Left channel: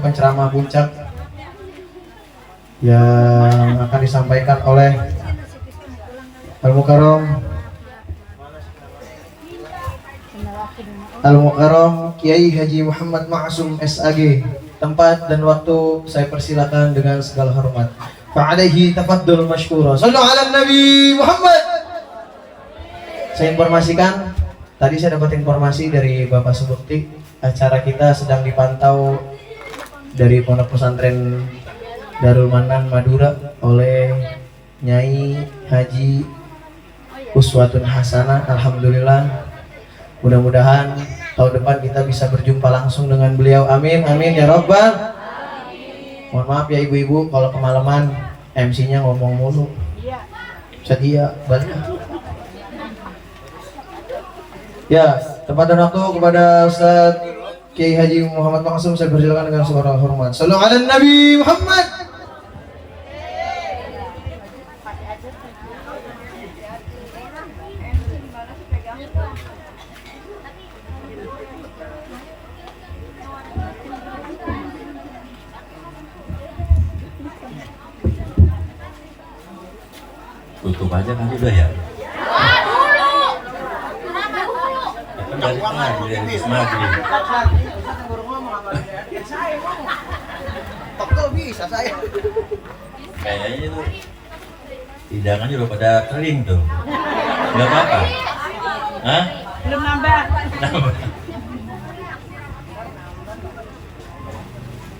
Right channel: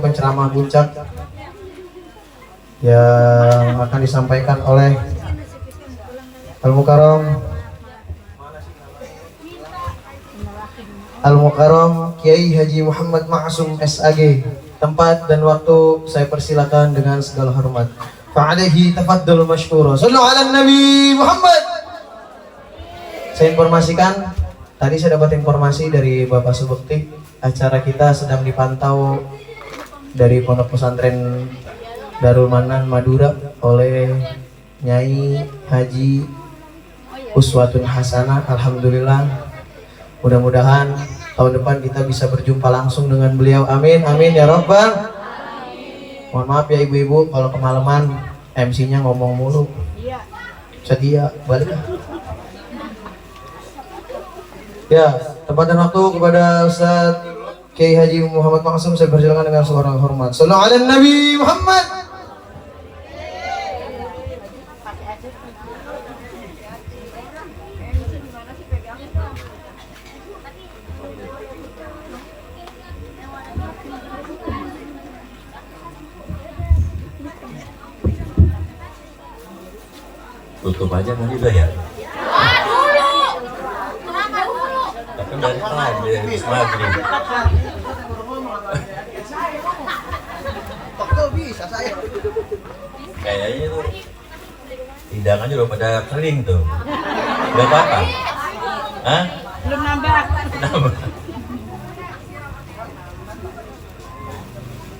untuk penceramah puncak yang akan disampaikan oleh Al-Mukarram Kiai Haji Muhammad Ma'sum SAG. Tempat dan waktu saya persilakan dengan segala hormat. Fa'alaihi tafaddul mashkura. Sallu ala Nabi Muhammad. Saya informasikan, tadi saya dapat informasi dari Bapak Subekti, acara kita sedang dipantau dari Pondok Pesantren Darul Manan Madura oleh Nyai Haji Uswatun Hasanah. Alhamdulillah, mudah-mudahan tahun depan kita bisa berjumpa langsung dengan beliau. Amin, amin ya Rabbal. Mohon maaf ya ibu-ibu kalau kemalaman MC-nya ngomong mulu. Sedia balik. Ya, tempat dan waktu kepada Ustaz Kiai Haji Muhammad Ma'sum, saya persilakan dengan segala hormat. Sallallahu ala Nabi Muhammad. Tutup aja kan udah ya? Ya kan dari tadi, dari habis maghrib. Bisa saya. Kayaknya tuh hidangannya udah pada kering tuh. Gak apa-apa? Hah? Belum nambah. Nambah.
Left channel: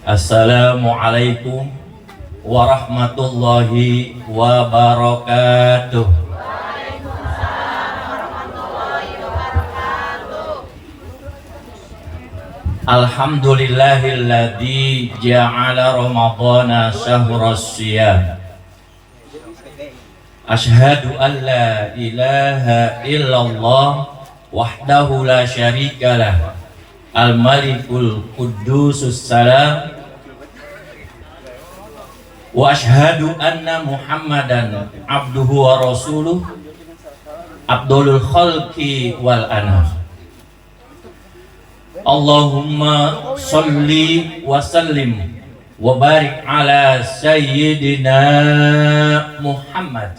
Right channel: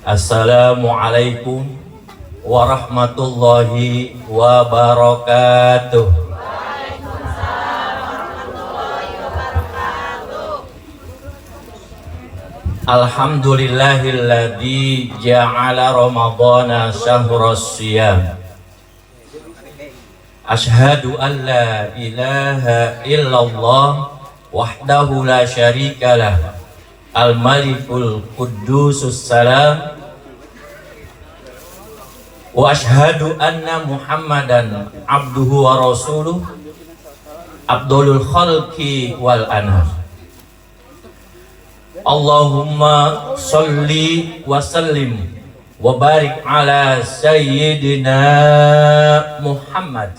Assalamualaikum warahmatullahi wabarakatuh. Alhamdulillahilladzi ja'ala Ramadhana syahras shiyam. Asyhadu an la ilaha illallah wahdahu la syarikalah, al-malikul quddusus salam, wa asyhadu anna Muhammadan abduhu wa rasuluh, abdulul khalqi wal anam. Allahumma sholli wa sallim wa barik ala sayyidina Muhammad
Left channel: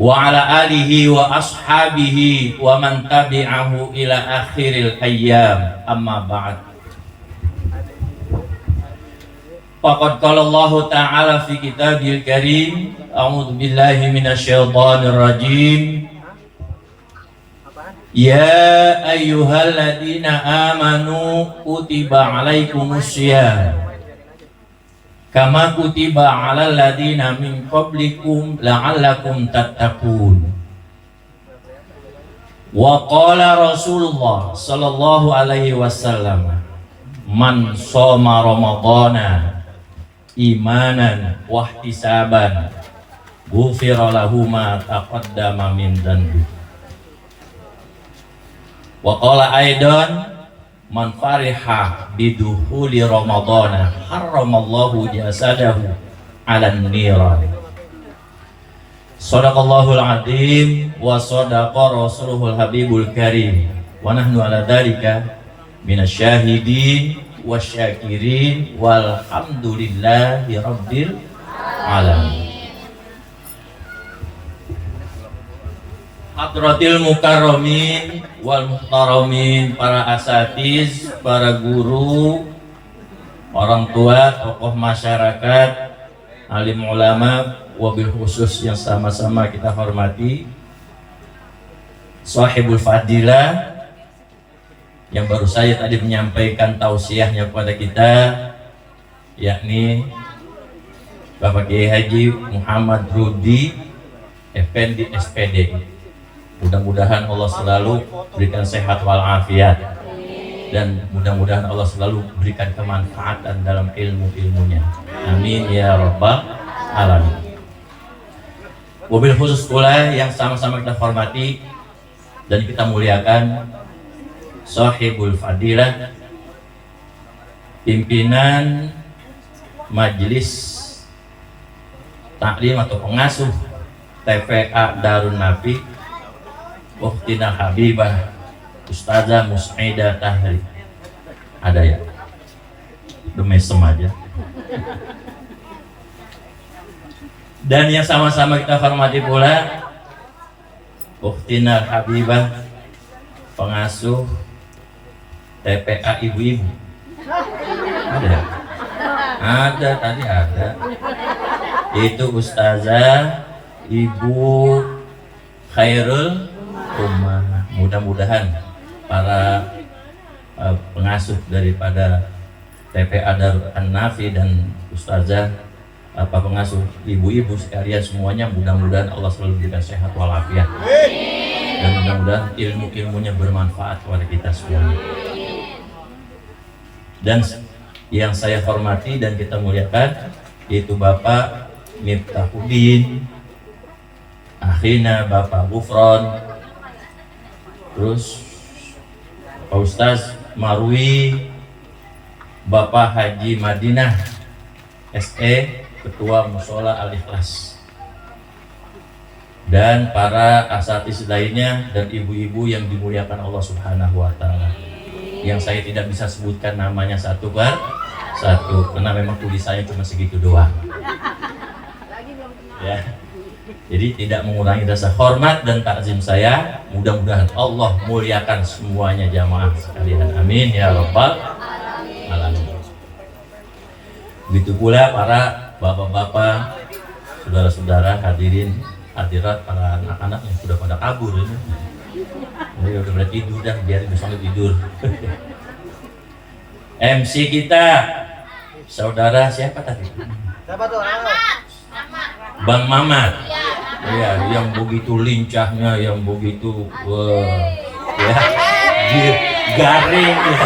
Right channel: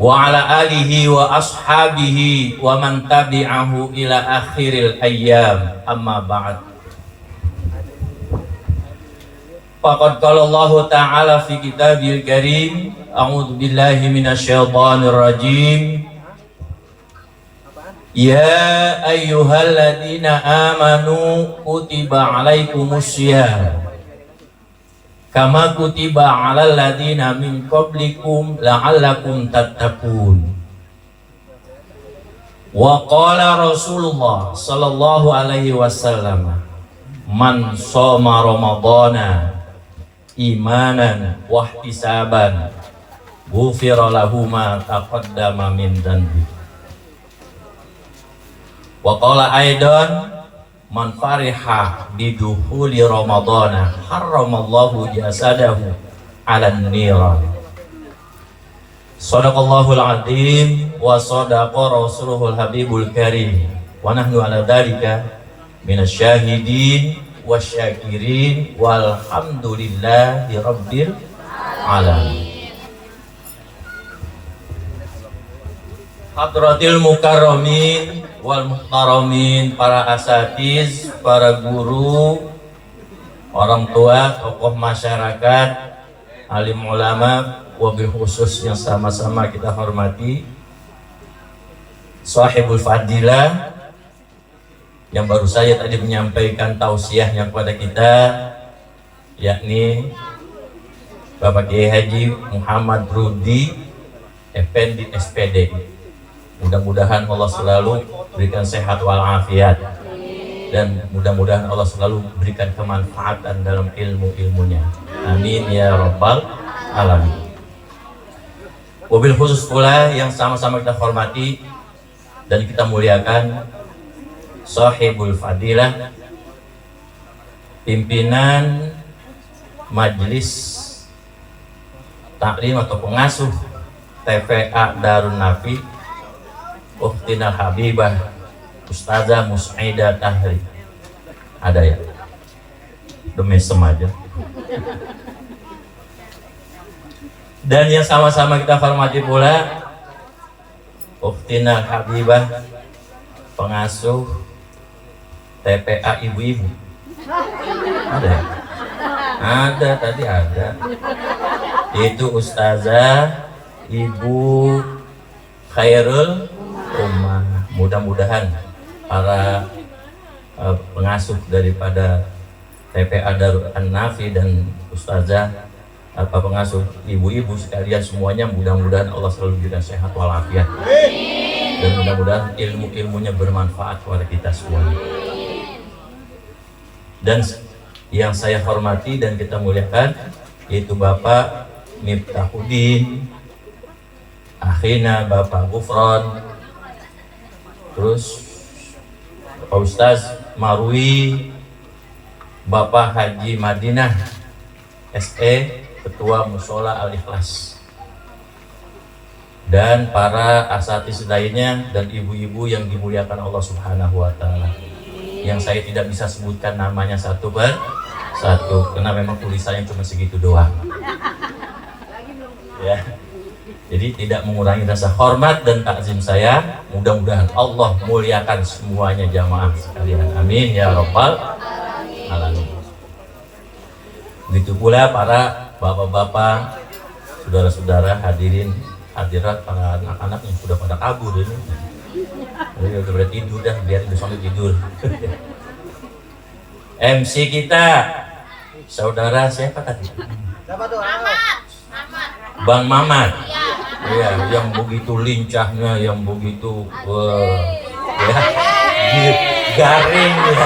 wa ala alihi wa ashabihi wa man tabi'ahu ila akhiril ayyam, amma ba'd. Faqad qala Allah Ta'ala fi kitabil karim, a'udzu billahi minasyaitonir rajim. Ya ayyuhalladzina amanu kutiba alaikumus syiyam kama kutiba alal ladzina min qablikum la'allakum tattaqun. Wa qala Rasulullah sallallahu alaihi wasallam, man shoma ramadhana imanan wahtisaban ghufira lahu ma taqaddama min dhanbi. Wa qala aidan, man fariha bidukhuli ramadhana harramallahu jasadahu 'alan niran. Shadaqallahul azim wa shadaqa rasuluhul habibul karim wa nahnu ala dzalika minasyahidin wasyakirin walhamdulillahi rabbil alamin. Hadratil mukarramin wal muhtaramin, para asatiz, para guru, orang tua, tokoh masyarakat, alim ulama, wabil khusus yang sama-sama kita hormati, sahibul fadilah yang baru saya tadi menyampaikan tausiahnya kepada kita, yakni Bapak Kiai Haji Muhammad Rudi Effendi SPD. Mudah-mudahan Allah selalu berikan sehat walafiat, dan mudah-mudahan Allah selalu berikan kemanfaatan dalam ilmu-ilmunya. Amin ya Rabbal alamin. Wabil khusus pula yang sama-sama kita hormati dan kita muliakan, sahibul fadilah, pimpinan majelis taklim atau pengasuh TPA Darun Nafi, Ukhtina Habibah Ustazah Musaidah Tahri. Ada ya? Demesem aja. Dan yang sama-sama kita hormati pula Ukhtina Habibah, pengasuh TPA ibu-ibu. Ada? Ada, tadi ada. Itu Ustazah Ibu Khairul Ummah. Mudah-mudahan para pengasuh daripada TPA Darul An-Nafi dan Ustazah pengasuh ibu-ibu sekalian semuanya, mudah-mudahan Allah selalu berikan sehat walafiat dan mudah-mudahan ilmu-ilmunya bermanfaat kepada kita semuanya. Dan yang saya hormati dan kita muliakan yaitu Bapak Miftahuddin, akhina Bapak Gufron, terus Pak Ustaz Marwi, Bapak Haji Madinah SE, Ketua Mushola Al-Ikhlas, dan para asatiz lainnya dan ibu-ibu yang dimuliakan Allah Subhanahu wa Ta'ala, yang saya tidak bisa sebutkan namanya satu per satu karena memang tulisannya cuma segitu doang ya. Jadi tidak mengurangi rasa hormat dan takzim saya. Mudah-mudahan Allah muliakan semuanya jamaah sekalian, amin ya rabbal alamin. Begitu pula para bapak-bapak, saudara-saudara, hadirin hadirat, para anak-anak yang sudah pada kabur ini. Jadi udah pada tidur dah, biar besok tidur. MC kita saudara siapa tadi? Bang Mamat. Ya, yang begitu lincahnya, yang begitu ya, garing ya,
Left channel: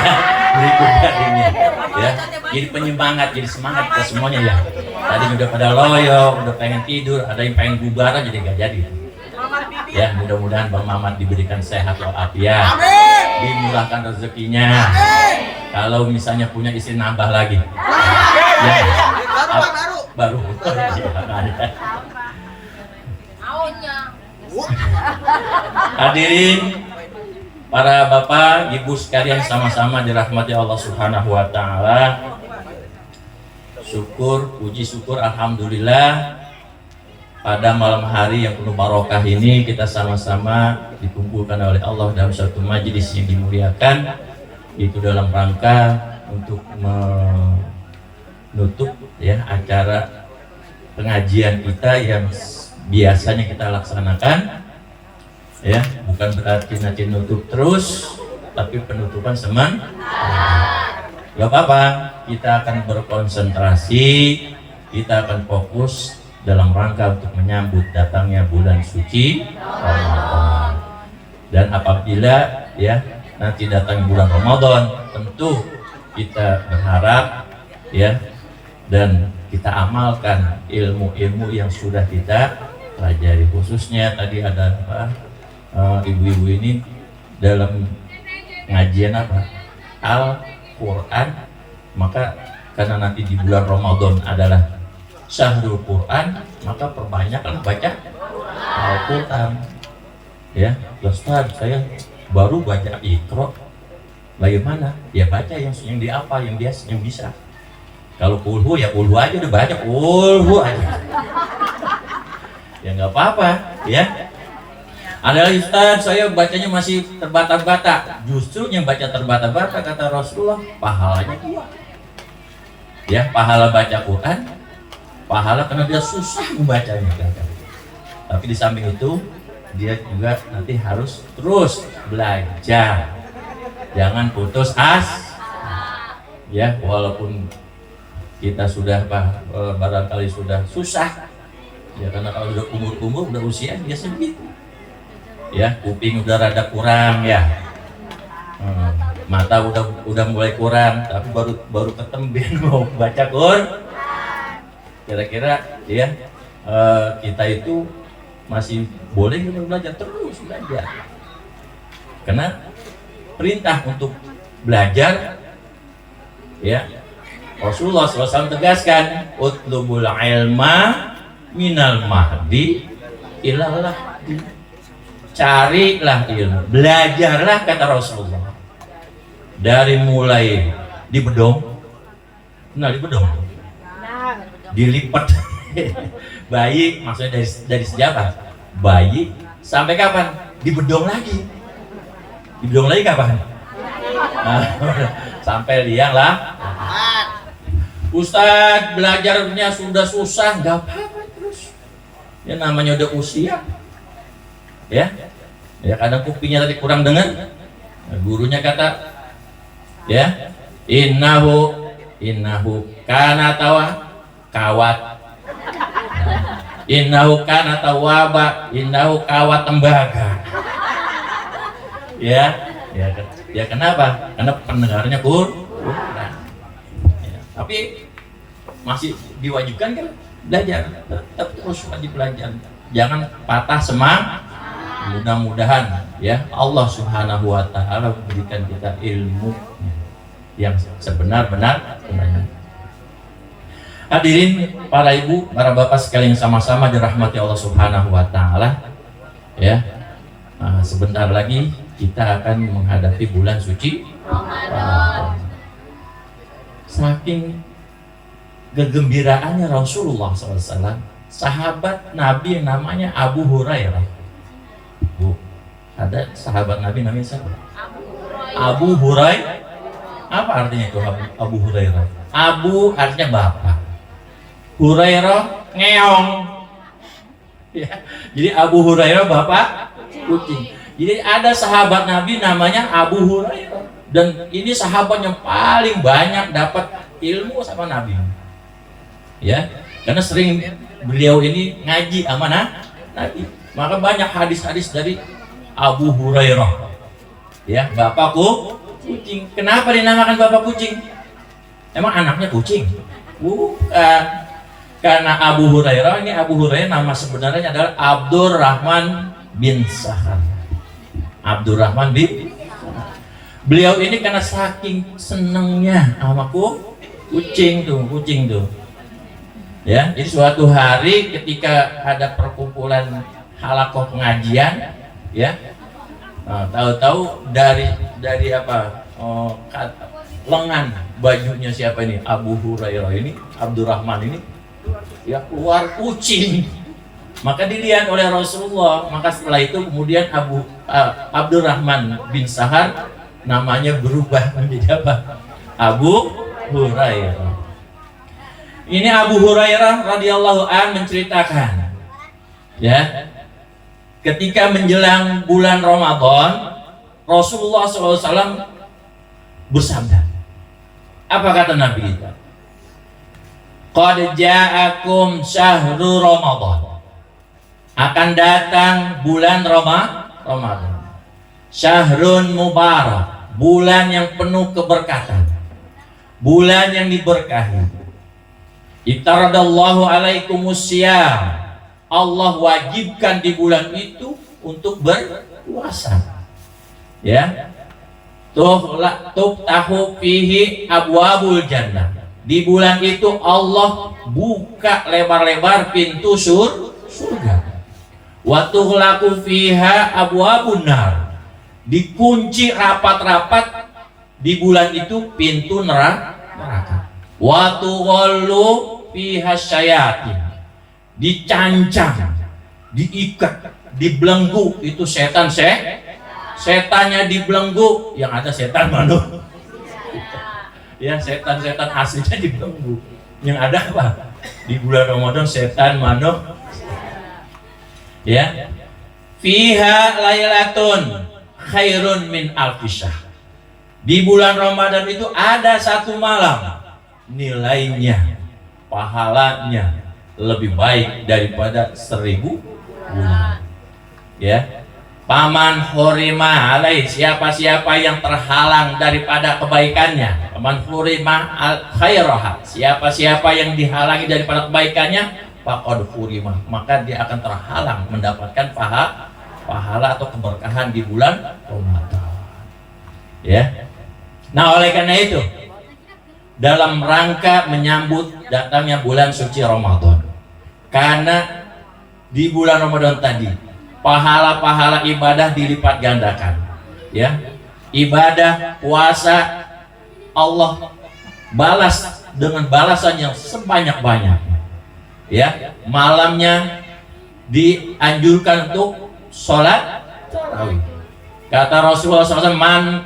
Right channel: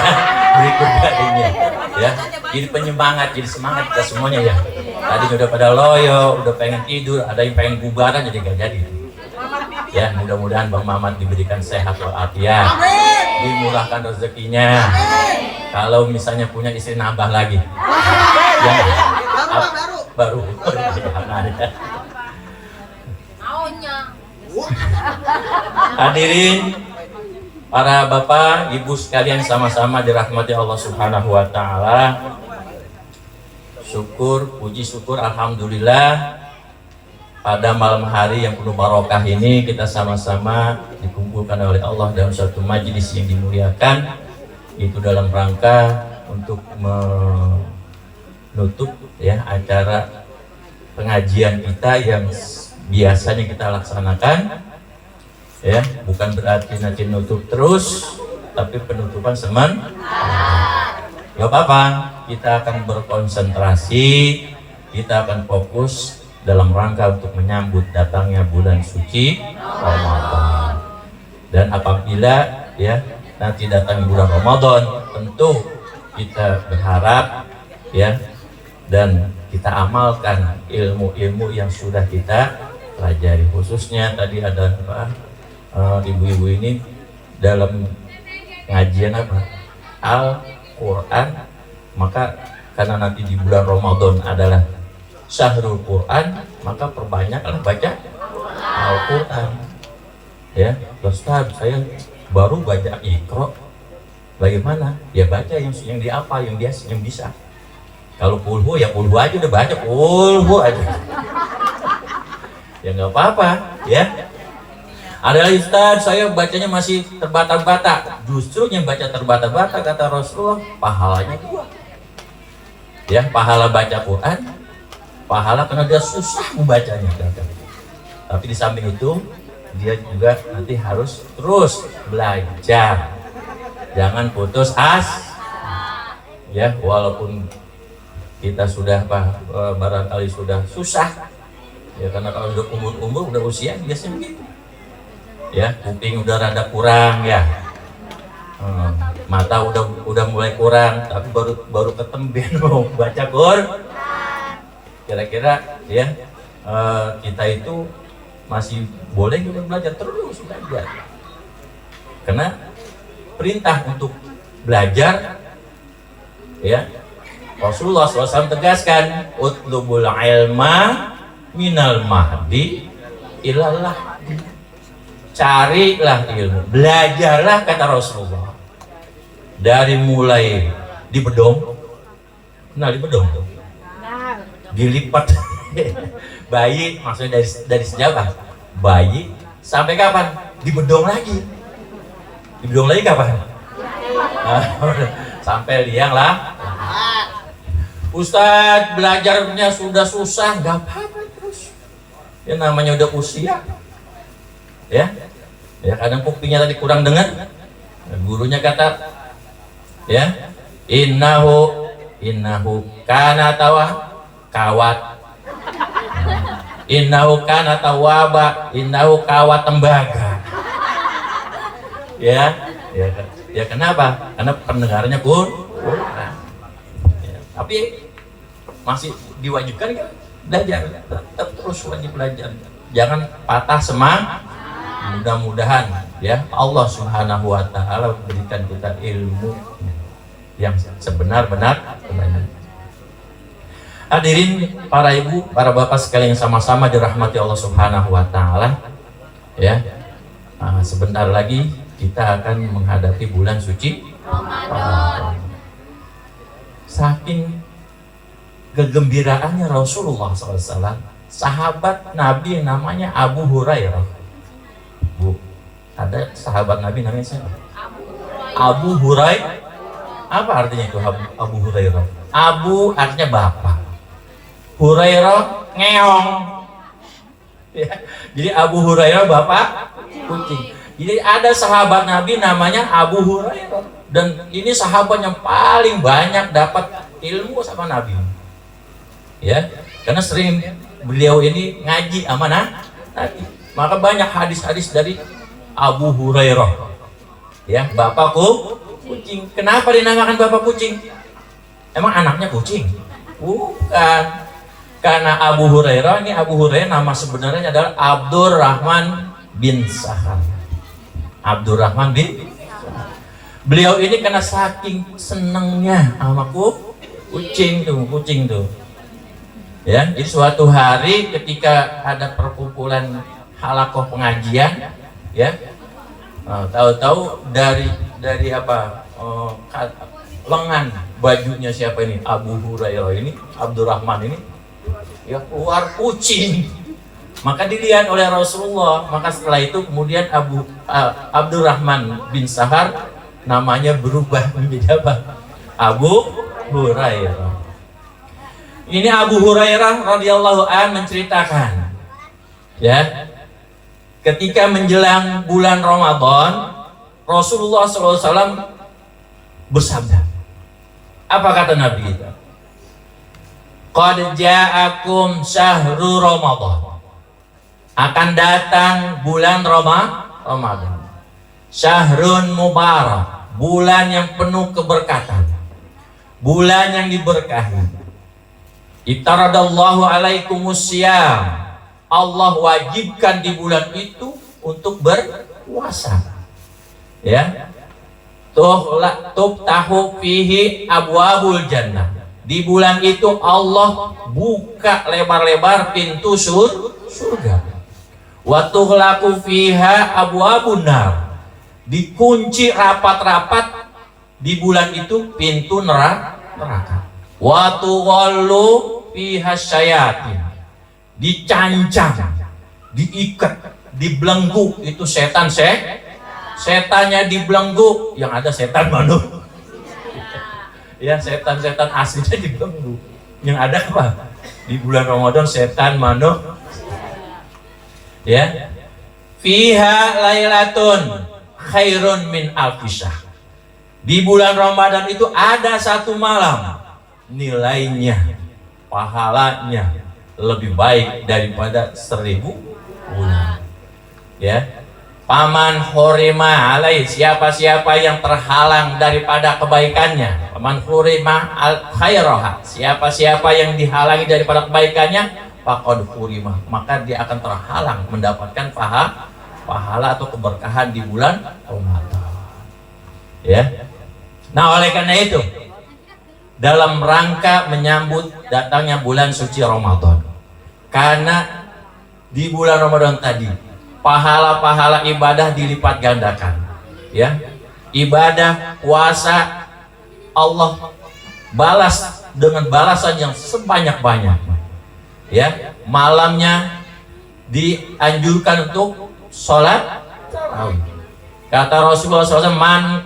berikut garingnya ya. Jadi penyemangat, jadi semangat kita semuanya ya. Tadi udah pada loyo, udah pengen tidur, ada yang pengen bubaran jadi gak jadi. Ya, mudah-mudahan Bang Mamat diberikan sehat walafiat, dimurahkan rezekinya. Kalau misalnya punya istri nambah lagi. Ya, baru. Hadirin para bapak, ibu sekalian sama-sama dirahmati Allah Subhanahu wa Ta'ala. Syukur, puji syukur, alhamdulillah pada malam hari yang penuh barokah ini kita sama-sama dikumpulkan oleh Allah dalam suatu majelis yang dimuliakan, itu dalam rangka untuk menutup ya acara pengajian kita yang biasanya kita laksanakan ya, bukan berarti nanti nutup terus, tapi penutupan gak apa-apa, kita akan berkonsentrasi, kita akan fokus dalam rangka untuk menyambut datangnya bulan suci Ramadan. Dan apabila ya nanti datang bulan Ramadan, tentu kita berharap ya dan kita amalkan ilmu-ilmu yang sudah kita pelajari, khususnya tadi ada ibu-ibu ini dalam pengajian Al-Quran, maka karena nanti di bulan Ramadan adalah Syahrul Quran, maka perbanyaklah baca Al-Quran ya. Ustaz, saya baru baca Iqra, bagaimana? Ya baca yang diapa, yang bisa. Kalau kulhu ya kulhu aja, udah baca kulhu aja. Ya nggak apa-apa ya. Ada lagi, Ustaz, saya bacanya masih terbata-bata. Justru yang baca terbata-bata kata Rasulullah pahalanya 2. Ya, pahala baca Quran, pahala karena dia susah membacanya. Tapi di samping itu dia juga nanti harus terus belajar. Jangan putus asa. Ya, walaupun kita sudah barangkali sudah susah. Ya karena kalau udah umur udah usia biasa begitu. Ya, kuping udah rada kurang ya, mata udah mulai kurang, tapi baru ketemben mau baca Quran. Kira-kira ya kita itu masih boleh belajar, terus belajar, karena perintah untuk belajar ya. Rasulullah SAW tegaskan, utlubul ilma minal mahdi ilal lahdi. Carilah ilmu, belajarlah kata Rasulullah, dari mulai di bedong. Nah, di bedong dilipat. Bayi maksudnya dari sejabat. Bayi sampai kapan? Di bedong lagi. Di bedong lagi kapan? Nah, sampai liang lah. Ustadz, belajarnya sudah susah, nggak apa-apa terus. Ya namanya udah usia. Ya kadang kupingnya tadi kurang dengar. Nah, gurunya kata, ya, innahu kana kawat. Innahu kana tawaba, innahu kawat tembaga. Ya kenapa? Karena pendengarannya kurang. Ya, tapi masih diwajibkan kan belajar, tetap terus wajib belajar. Jangan patah semangat. Mudah-mudahan ya Allah Subhanahu wa taala berikan kita ilmu yang sebenar-benarnya. Hadirin para ibu, para bapak sekalian sama-sama dirahmati Allah Subhanahu wa taala. Ya. Sebentar lagi kita akan menghadapi bulan suci Ramadan. Saking kegembiraannya Rasulullah SAW, sahabat Nabi yang namanya Abu Hurairah. Bu, ada sahabat Nabi namanya siapa? Abu Hurairah. Apa artinya itu Abu Hurairah? Abu artinya bapak, Hurairah ngeong. Ya, jadi Abu Hurairah bapak kucing. Jadi ada sahabat Nabi namanya Abu Hurairah, dan ini sahabat yang paling banyak dapat ilmu sama Nabi. Ya, karena sering beliau ini ngaji sama Nabi, maka banyak hadis-hadis dari Abu Hurairah. Ya, bapakku kucing. Kenapa dinamakan bapak kucing? Emang anaknya kucing? Bukan. Karena Abu Hurairah, ini Abu Hurairah nama sebenarnya adalah Abdurrahman bin Sakhar. Abdurrahman bin Sakhar. Beliau ini karena saking senengnya sama kucing tuh. Ya, jadi suatu hari ketika ada perkumpulan halakoh pengajian, ya, tahu-tahu dari apa? Lengan bajunya siapa ini? Abu Hurairah ini, Abdurrahman ini, ya keluar kucing. Maka dilihat oleh Rasulullah. Maka setelah itu kemudian Abdurrahman bin Sahar namanya berubah menjadi apa? Abu Hurairah. Ini Abu Hurairah radhiyallahu an menceritakan, ya, ketika menjelang bulan Ramadan, Rasulullah SAW bersabda. Apa kata Nabi kita? Qad ja'akum syahru Ramadan. Akan datang bulan Ramadan. Syahrun mubarak, bulan yang penuh keberkatan, bulan yang diberkahi. Iftaradallahu alaikumus syiyam. Allah wajibkan di bulan itu untuk berpuasa. Ya. Tuftahu fihi abwabul jannah. Di bulan itu Allah buka lebar-lebar pintu surga. Wa tughlaqu fiha abwabun nar. Dikunci rapat-rapat di bulan itu pintu neraka. Wa tughallu fiha syayatin. Dicancang, diikat, dibelenggu. Itu setannya dibelenggu. Yang ada setan manuk. Ya, setan-setan aslinya dibelenggu. Yang ada apa? Di bulan Ramadan setan manuk. Ya. Fiha lailatun khairun min alfisah. Di bulan Ramadan itu ada satu malam, nilainya, pahalanya lebih baik daripada 1000 bulan. Ya. Paman hurima alaih, siapa-siapa yang terhalang daripada kebaikannya. Paman hurima al khairaha, siapa-siapa yang dihalangi daripada kebaikannya, faqad hurima, maka dia akan terhalang mendapatkan pahala atau keberkahan di bulan Ramadan. Ya. Nah, oleh karena itu, dalam rangka menyambut datangnya bulan suci Ramadan, karena di bulan Ramadan tadi pahala-pahala ibadah dilipat gandakan, ya. Ibadah puasa Allah balas dengan balasan yang sebanyak-banyaknya. Ya, malamnya dianjurkan untuk sholat tarawih. Kata Rasulullah SAW, man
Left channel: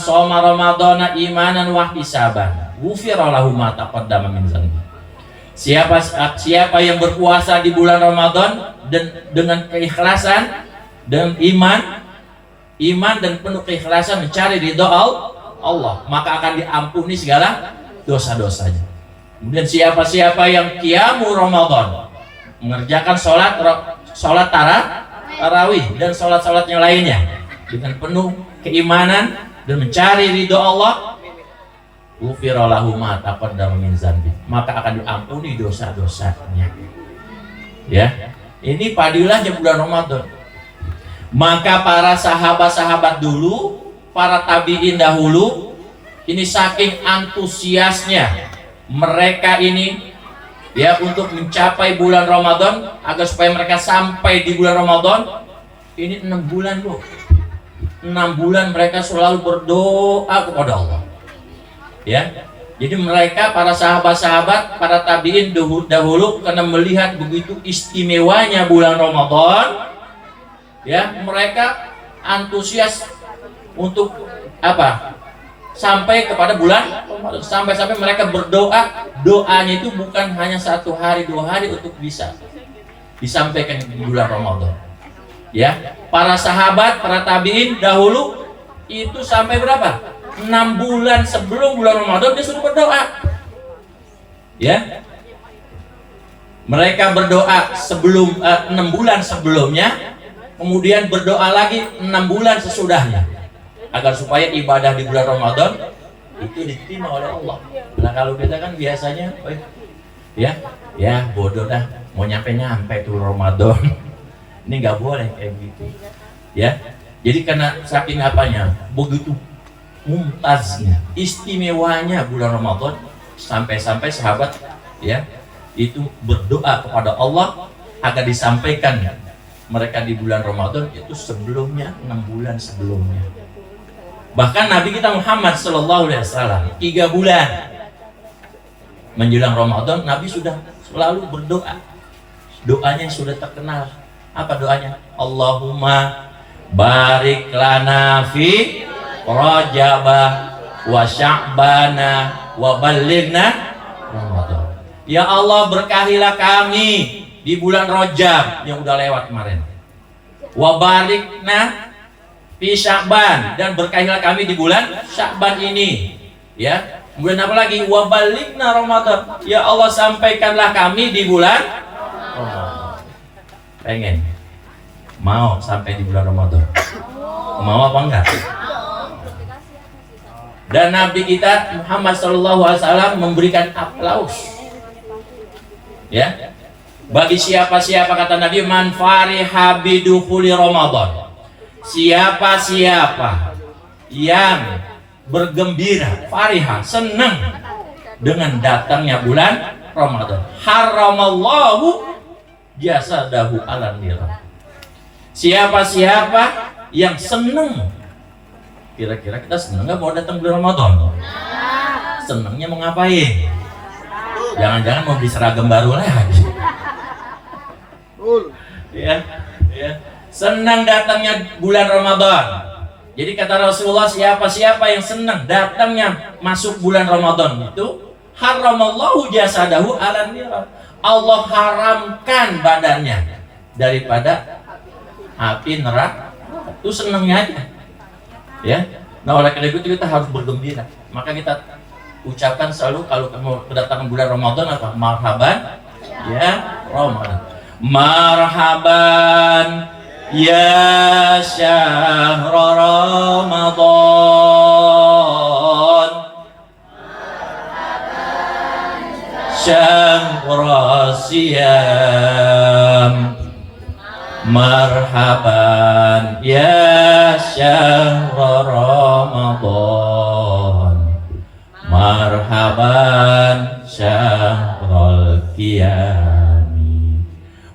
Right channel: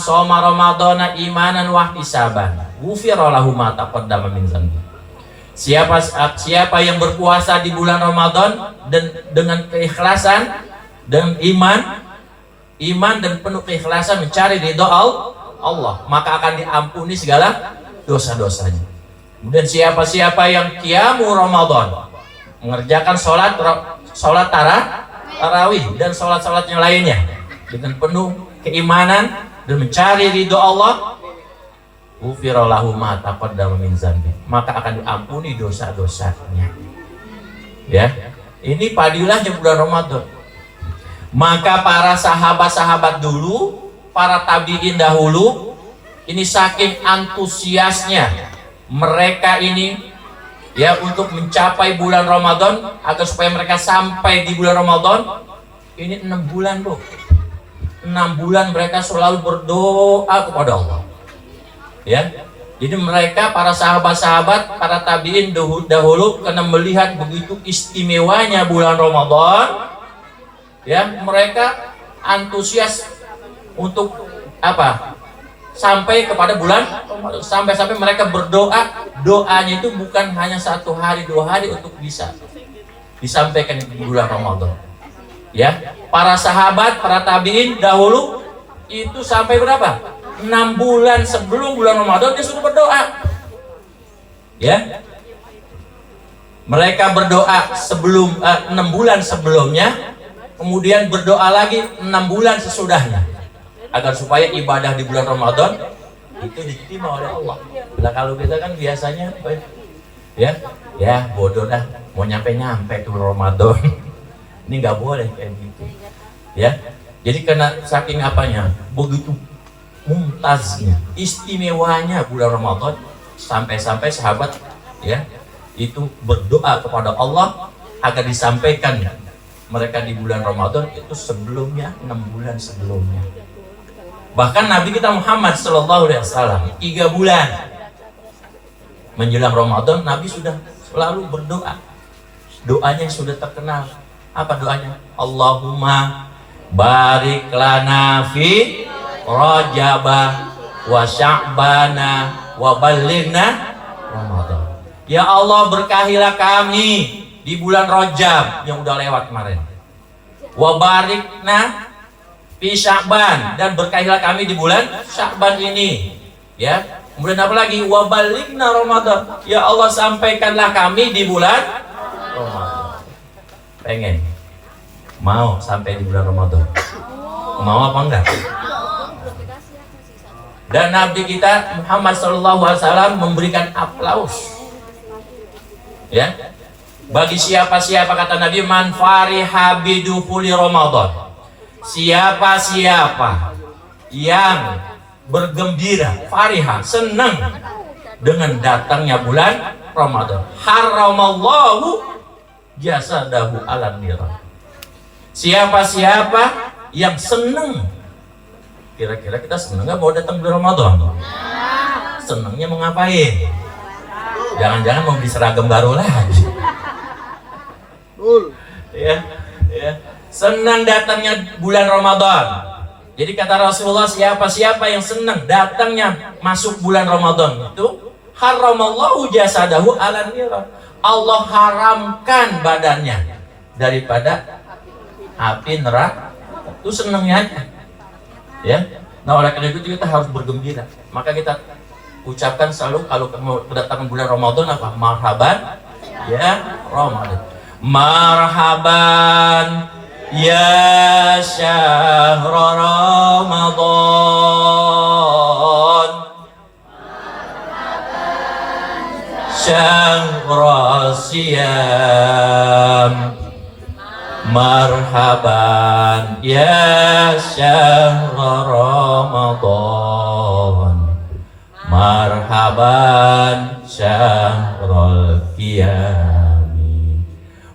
soma ramadhana imanan wa ihtisaban, ghufira lahu ma taqaddama min dzanbi. Siapa yang berpuasa di bulan Ramadan dan dengan keikhlasan dan iman dan penuh keikhlasan mencari ridha Allah, maka akan diampuni segala dosa-dosanya. Kemudian siapa yang qiyamu Ramadan, mengerjakan sholat tarawih dan sholat-sholat yang lainnya dengan penuh keimanan dan mencari ridho Allah, ghufira lahu ma taqaddama min dzanbi, maka akan diampuni dosa-dosanya. Ya, ini padilahnya bulan Ramadan. Maka para sahabat-sahabat dulu, para tabi'in dahulu, ini saking antusiasnya mereka ini ya untuk mencapai bulan Ramadan, agar supaya mereka sampai di bulan Ramadan. Ini 6 bulan loh, 6 bulan mereka selalu berdoa kepada Allah. Ya, jadi mereka para sahabat-sahabat, para tabiin dahulu karena melihat begitu istimewanya bulan Ramadan, ya mereka antusias untuk apa? Sampai kepada bulan Ramadan, sampai mereka berdoa. Doanya itu bukan hanya 1 hari 2 hari untuk bisa disampaikan di bulan Ramadan. Ya, para sahabat, para tabiin dahulu itu sampai berapa? 6 bulan sebelum bulan Ramadan dia sudah berdoa. Ya, mereka berdoa sebelum 6 bulan sebelumnya, kemudian berdoa lagi 6 bulan sesudahnya, agar supaya ibadah di bulan Ramadan itu diterima oleh Allah. Nah kalau kita kan biasanya ya bodoh dah, mau nyampe tuh Ramadan. Ini nggak boleh kayak gitu. Ya, jadi karena saking apanya, begitu mumtaznya, istimewanya bulan Ramadan, sampai sahabat ya itu berdoa kepada Allah agar disampaikan mereka di bulan Ramadan itu sebelumnya, 6 bulan sebelumnya. Bahkan Nabi kita Muhammad SAW 3 bulan menjelang Ramadan, Nabi sudah selalu berdoa. Doanya sudah terkenal. Apa doanya? Allahumma barik lana fi Rajabah wa Sya'bana wa ballighna Ramadan. Ya Allah, berkahilah kami di bulan Rajab yang udah lewat kemarin. Wa barikna fi Sya'ban, dan berkahilah kami di bulan Sya'ban ini. Ya. Kemudian apa lagi? Wa ballighna Ramadan. Ya Allah, sampaikanlah kami di bulan Ramadan. Pengen mau sampai di bulan Ramadan? Mau apa enggak? Dan Nabi kita Muhammad SAW memberikan aplaus. Ya. Bagi siapa-siapa, kata Nabi, man fariha bidukhuli Ramadan. Siapa-siapa yang bergembira, fariha, senang dengan datangnya bulan Ramadan, haramallahu jasadahu alan nira. Siapa-siapa yang senang, kira-kira kita senang nggak mau datang bulan Ramadan? Senangnya mau ngapain? Jangan-jangan mau beli seragam baru lagi. Ya, senang datangnya bulan Ramadan. Jadi kata Rasulullah, siapa-siapa yang senang datangnya masuk bulan Ramadan itu, haramallahu jasadahu alan nira. Allah haramkan badannya daripada api neraka. Itu senangnya aja. Ya. Nah, oleh karena itu kita harus bergembira. Maka kita ucapkan selalu kalau mau kedatangan bulan Ramadan apa? Marhaban ya Ramadan. Marhaban ya syahr Ramadan, syahr siyam. Marhaban ya syahr Ramadan, marhaban syahrul qiyami.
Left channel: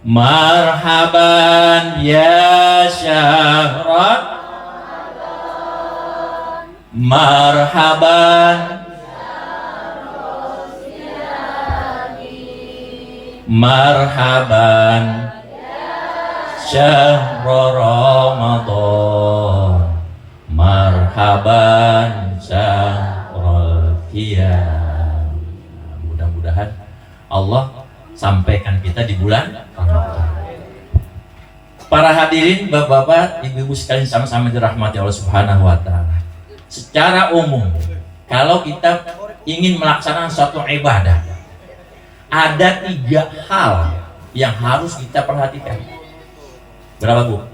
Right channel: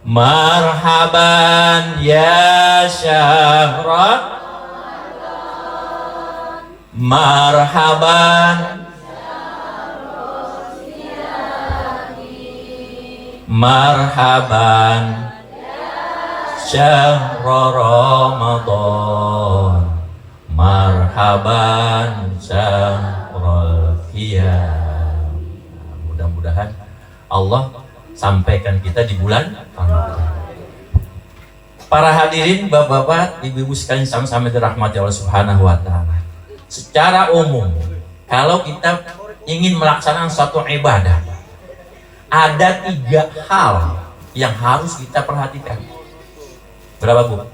Marhaban ya syahr, marhaban marhaban syahrul Ramadan, marhaban syahrul qiyam. Mudah-mudahan Allah sampaikan kita di bulan Ramadan. Para hadirin, bapak-bapak, ibu-ibu sekalian sama-sama dirahmati Allah Subhanahu wa taala. Secara umum, kalau kita ingin melaksanakan suatu ibadah, ada 3 hal yang harus kita perhatikan. Berapa, Bu?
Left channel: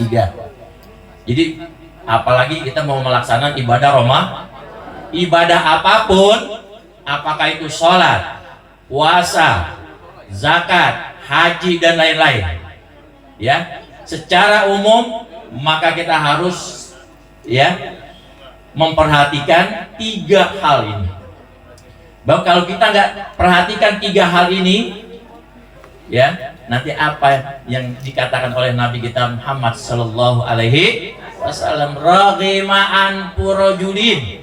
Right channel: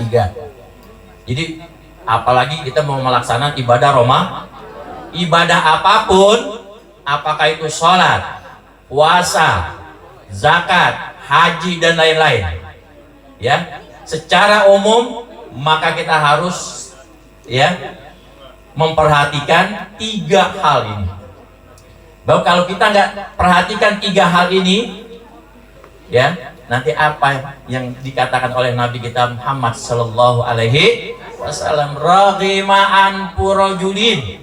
3. Jadi apalagi kita mau melaksanakan ibadah ibadah apapun, apakah itu sholat, puasa, zakat, haji dan lain-lain, ya, secara umum maka kita harus memperhatikan 3 hal ini. Bahwa kalau kita nggak perhatikan 3 hal ini, nanti apa yang dikatakan oleh Nabi kita Muhammad Sallallahu Alaihi Wasallam, raghima'an purojulin,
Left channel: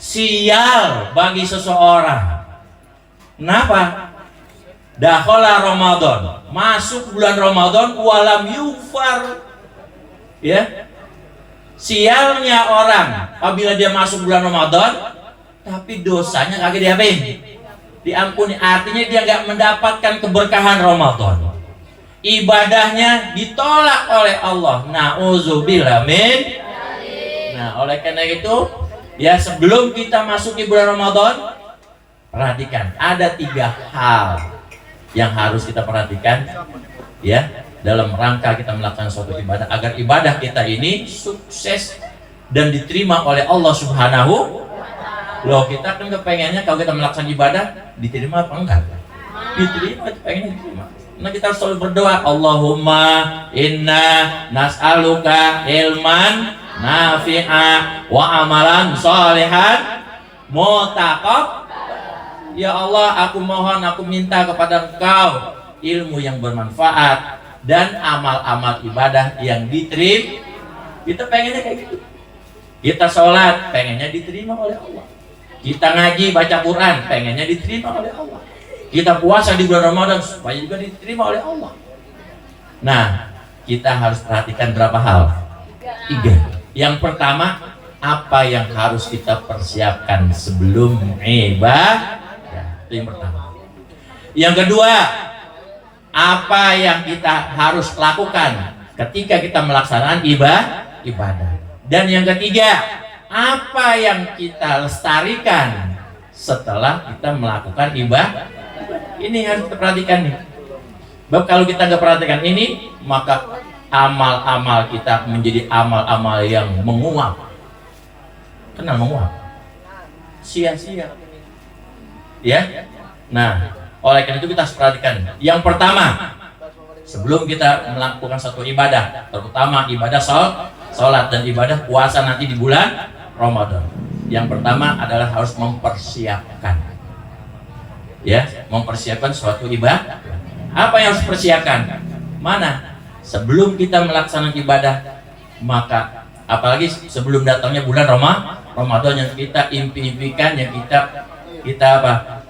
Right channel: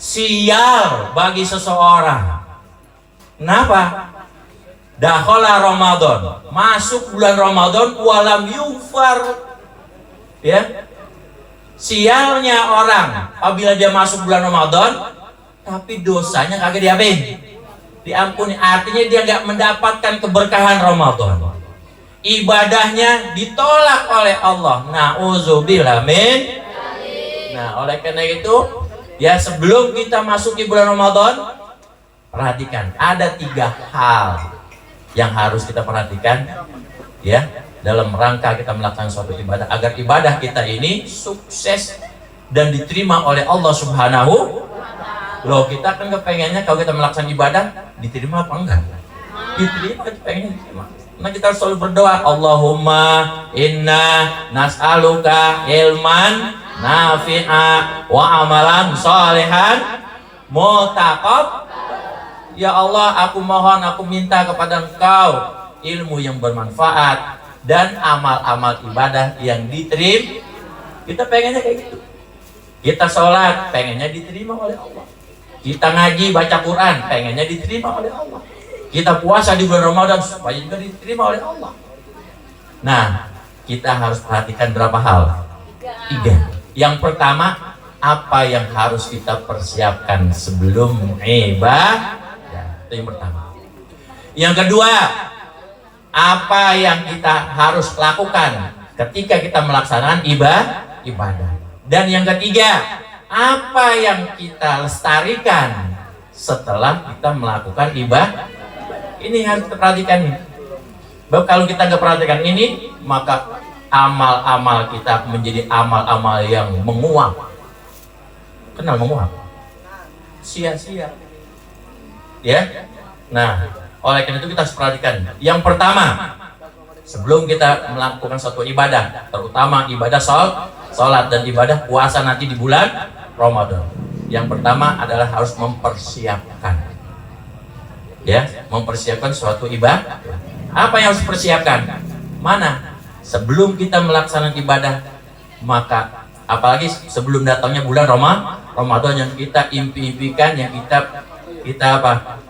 sial bagi seseorang. Kenapa? Dakhala Ramadan, masuk bulan Ramadan, walam yufar, sialnya orang apabila dia masuk bulan Ramadan tapi dosanya kagak diampuni. Artinya dia nggak mendapatkan keberkahan Ramadan, ibadahnya ditolak oleh Allah. Na'udzubillah min. Nah, oleh karena itu, sebelum kita masuk di bulan Ramadan, perhatikan ada 3 hal yang harus kita perhatikan, dalam rangka kita melakukan suatu ibadah, agar ibadah kita ini sukses dan diterima oleh Allah Subhanahu. Loh, kita kan kepengennya kalau kita melaksanakan ibadah diterima apa enggak? Diterima, kita pengen diterima. Nah, kita harus selalu berdoa, Allahumma inna nas'aluka ilman nafi'a wa amalan sholihan mutaqab. Ya Allah, aku mohon, aku minta kepada Engkau ilmu yang bermanfaat dan amal-amal ibadah yang diterima. Kita pengennya kayak gitu. Kita sholat pengennya diterima oleh Allah. Kita ngaji baca Quran pengennya diterima oleh Allah. Kita puasa di bulan Ramadan supaya juga diterima oleh Allah. Nah, kita harus perhatikan berapa hal? 3. Yang pertama, apa yang harus kita persiapkan sebelum ibadah? Itu yang pertama. Yang kedua, apa yang kita harus lakukan ketika kita melaksanakan ibadah? Dan yang ketiga, apa yang kita lestarikan setelah kita melakukan ibadah? Ini harus kita perhatikan nih. Bahwa kalau kita nggak perhatikan ini, maka amal-amal kita menjadi amal-amal yang menguap. Kenal menguap? Sia-sia. Nah, oleh karena itu kita harus perhatikan. Yang pertama, sebelum kita melakukan suatu ibadah, terutama ibadah sholat dan ibadah puasa nanti di bulan Ramadan, yang pertama adalah harus mempersiapkan, mempersiapkan suatu ibadah. Apa yang harus dipersiapkan? Mana? Sebelum kita melaksanakan ibadah, maka apalagi sebelum datangnya bulan Ramadan yang kita impikan, yang kita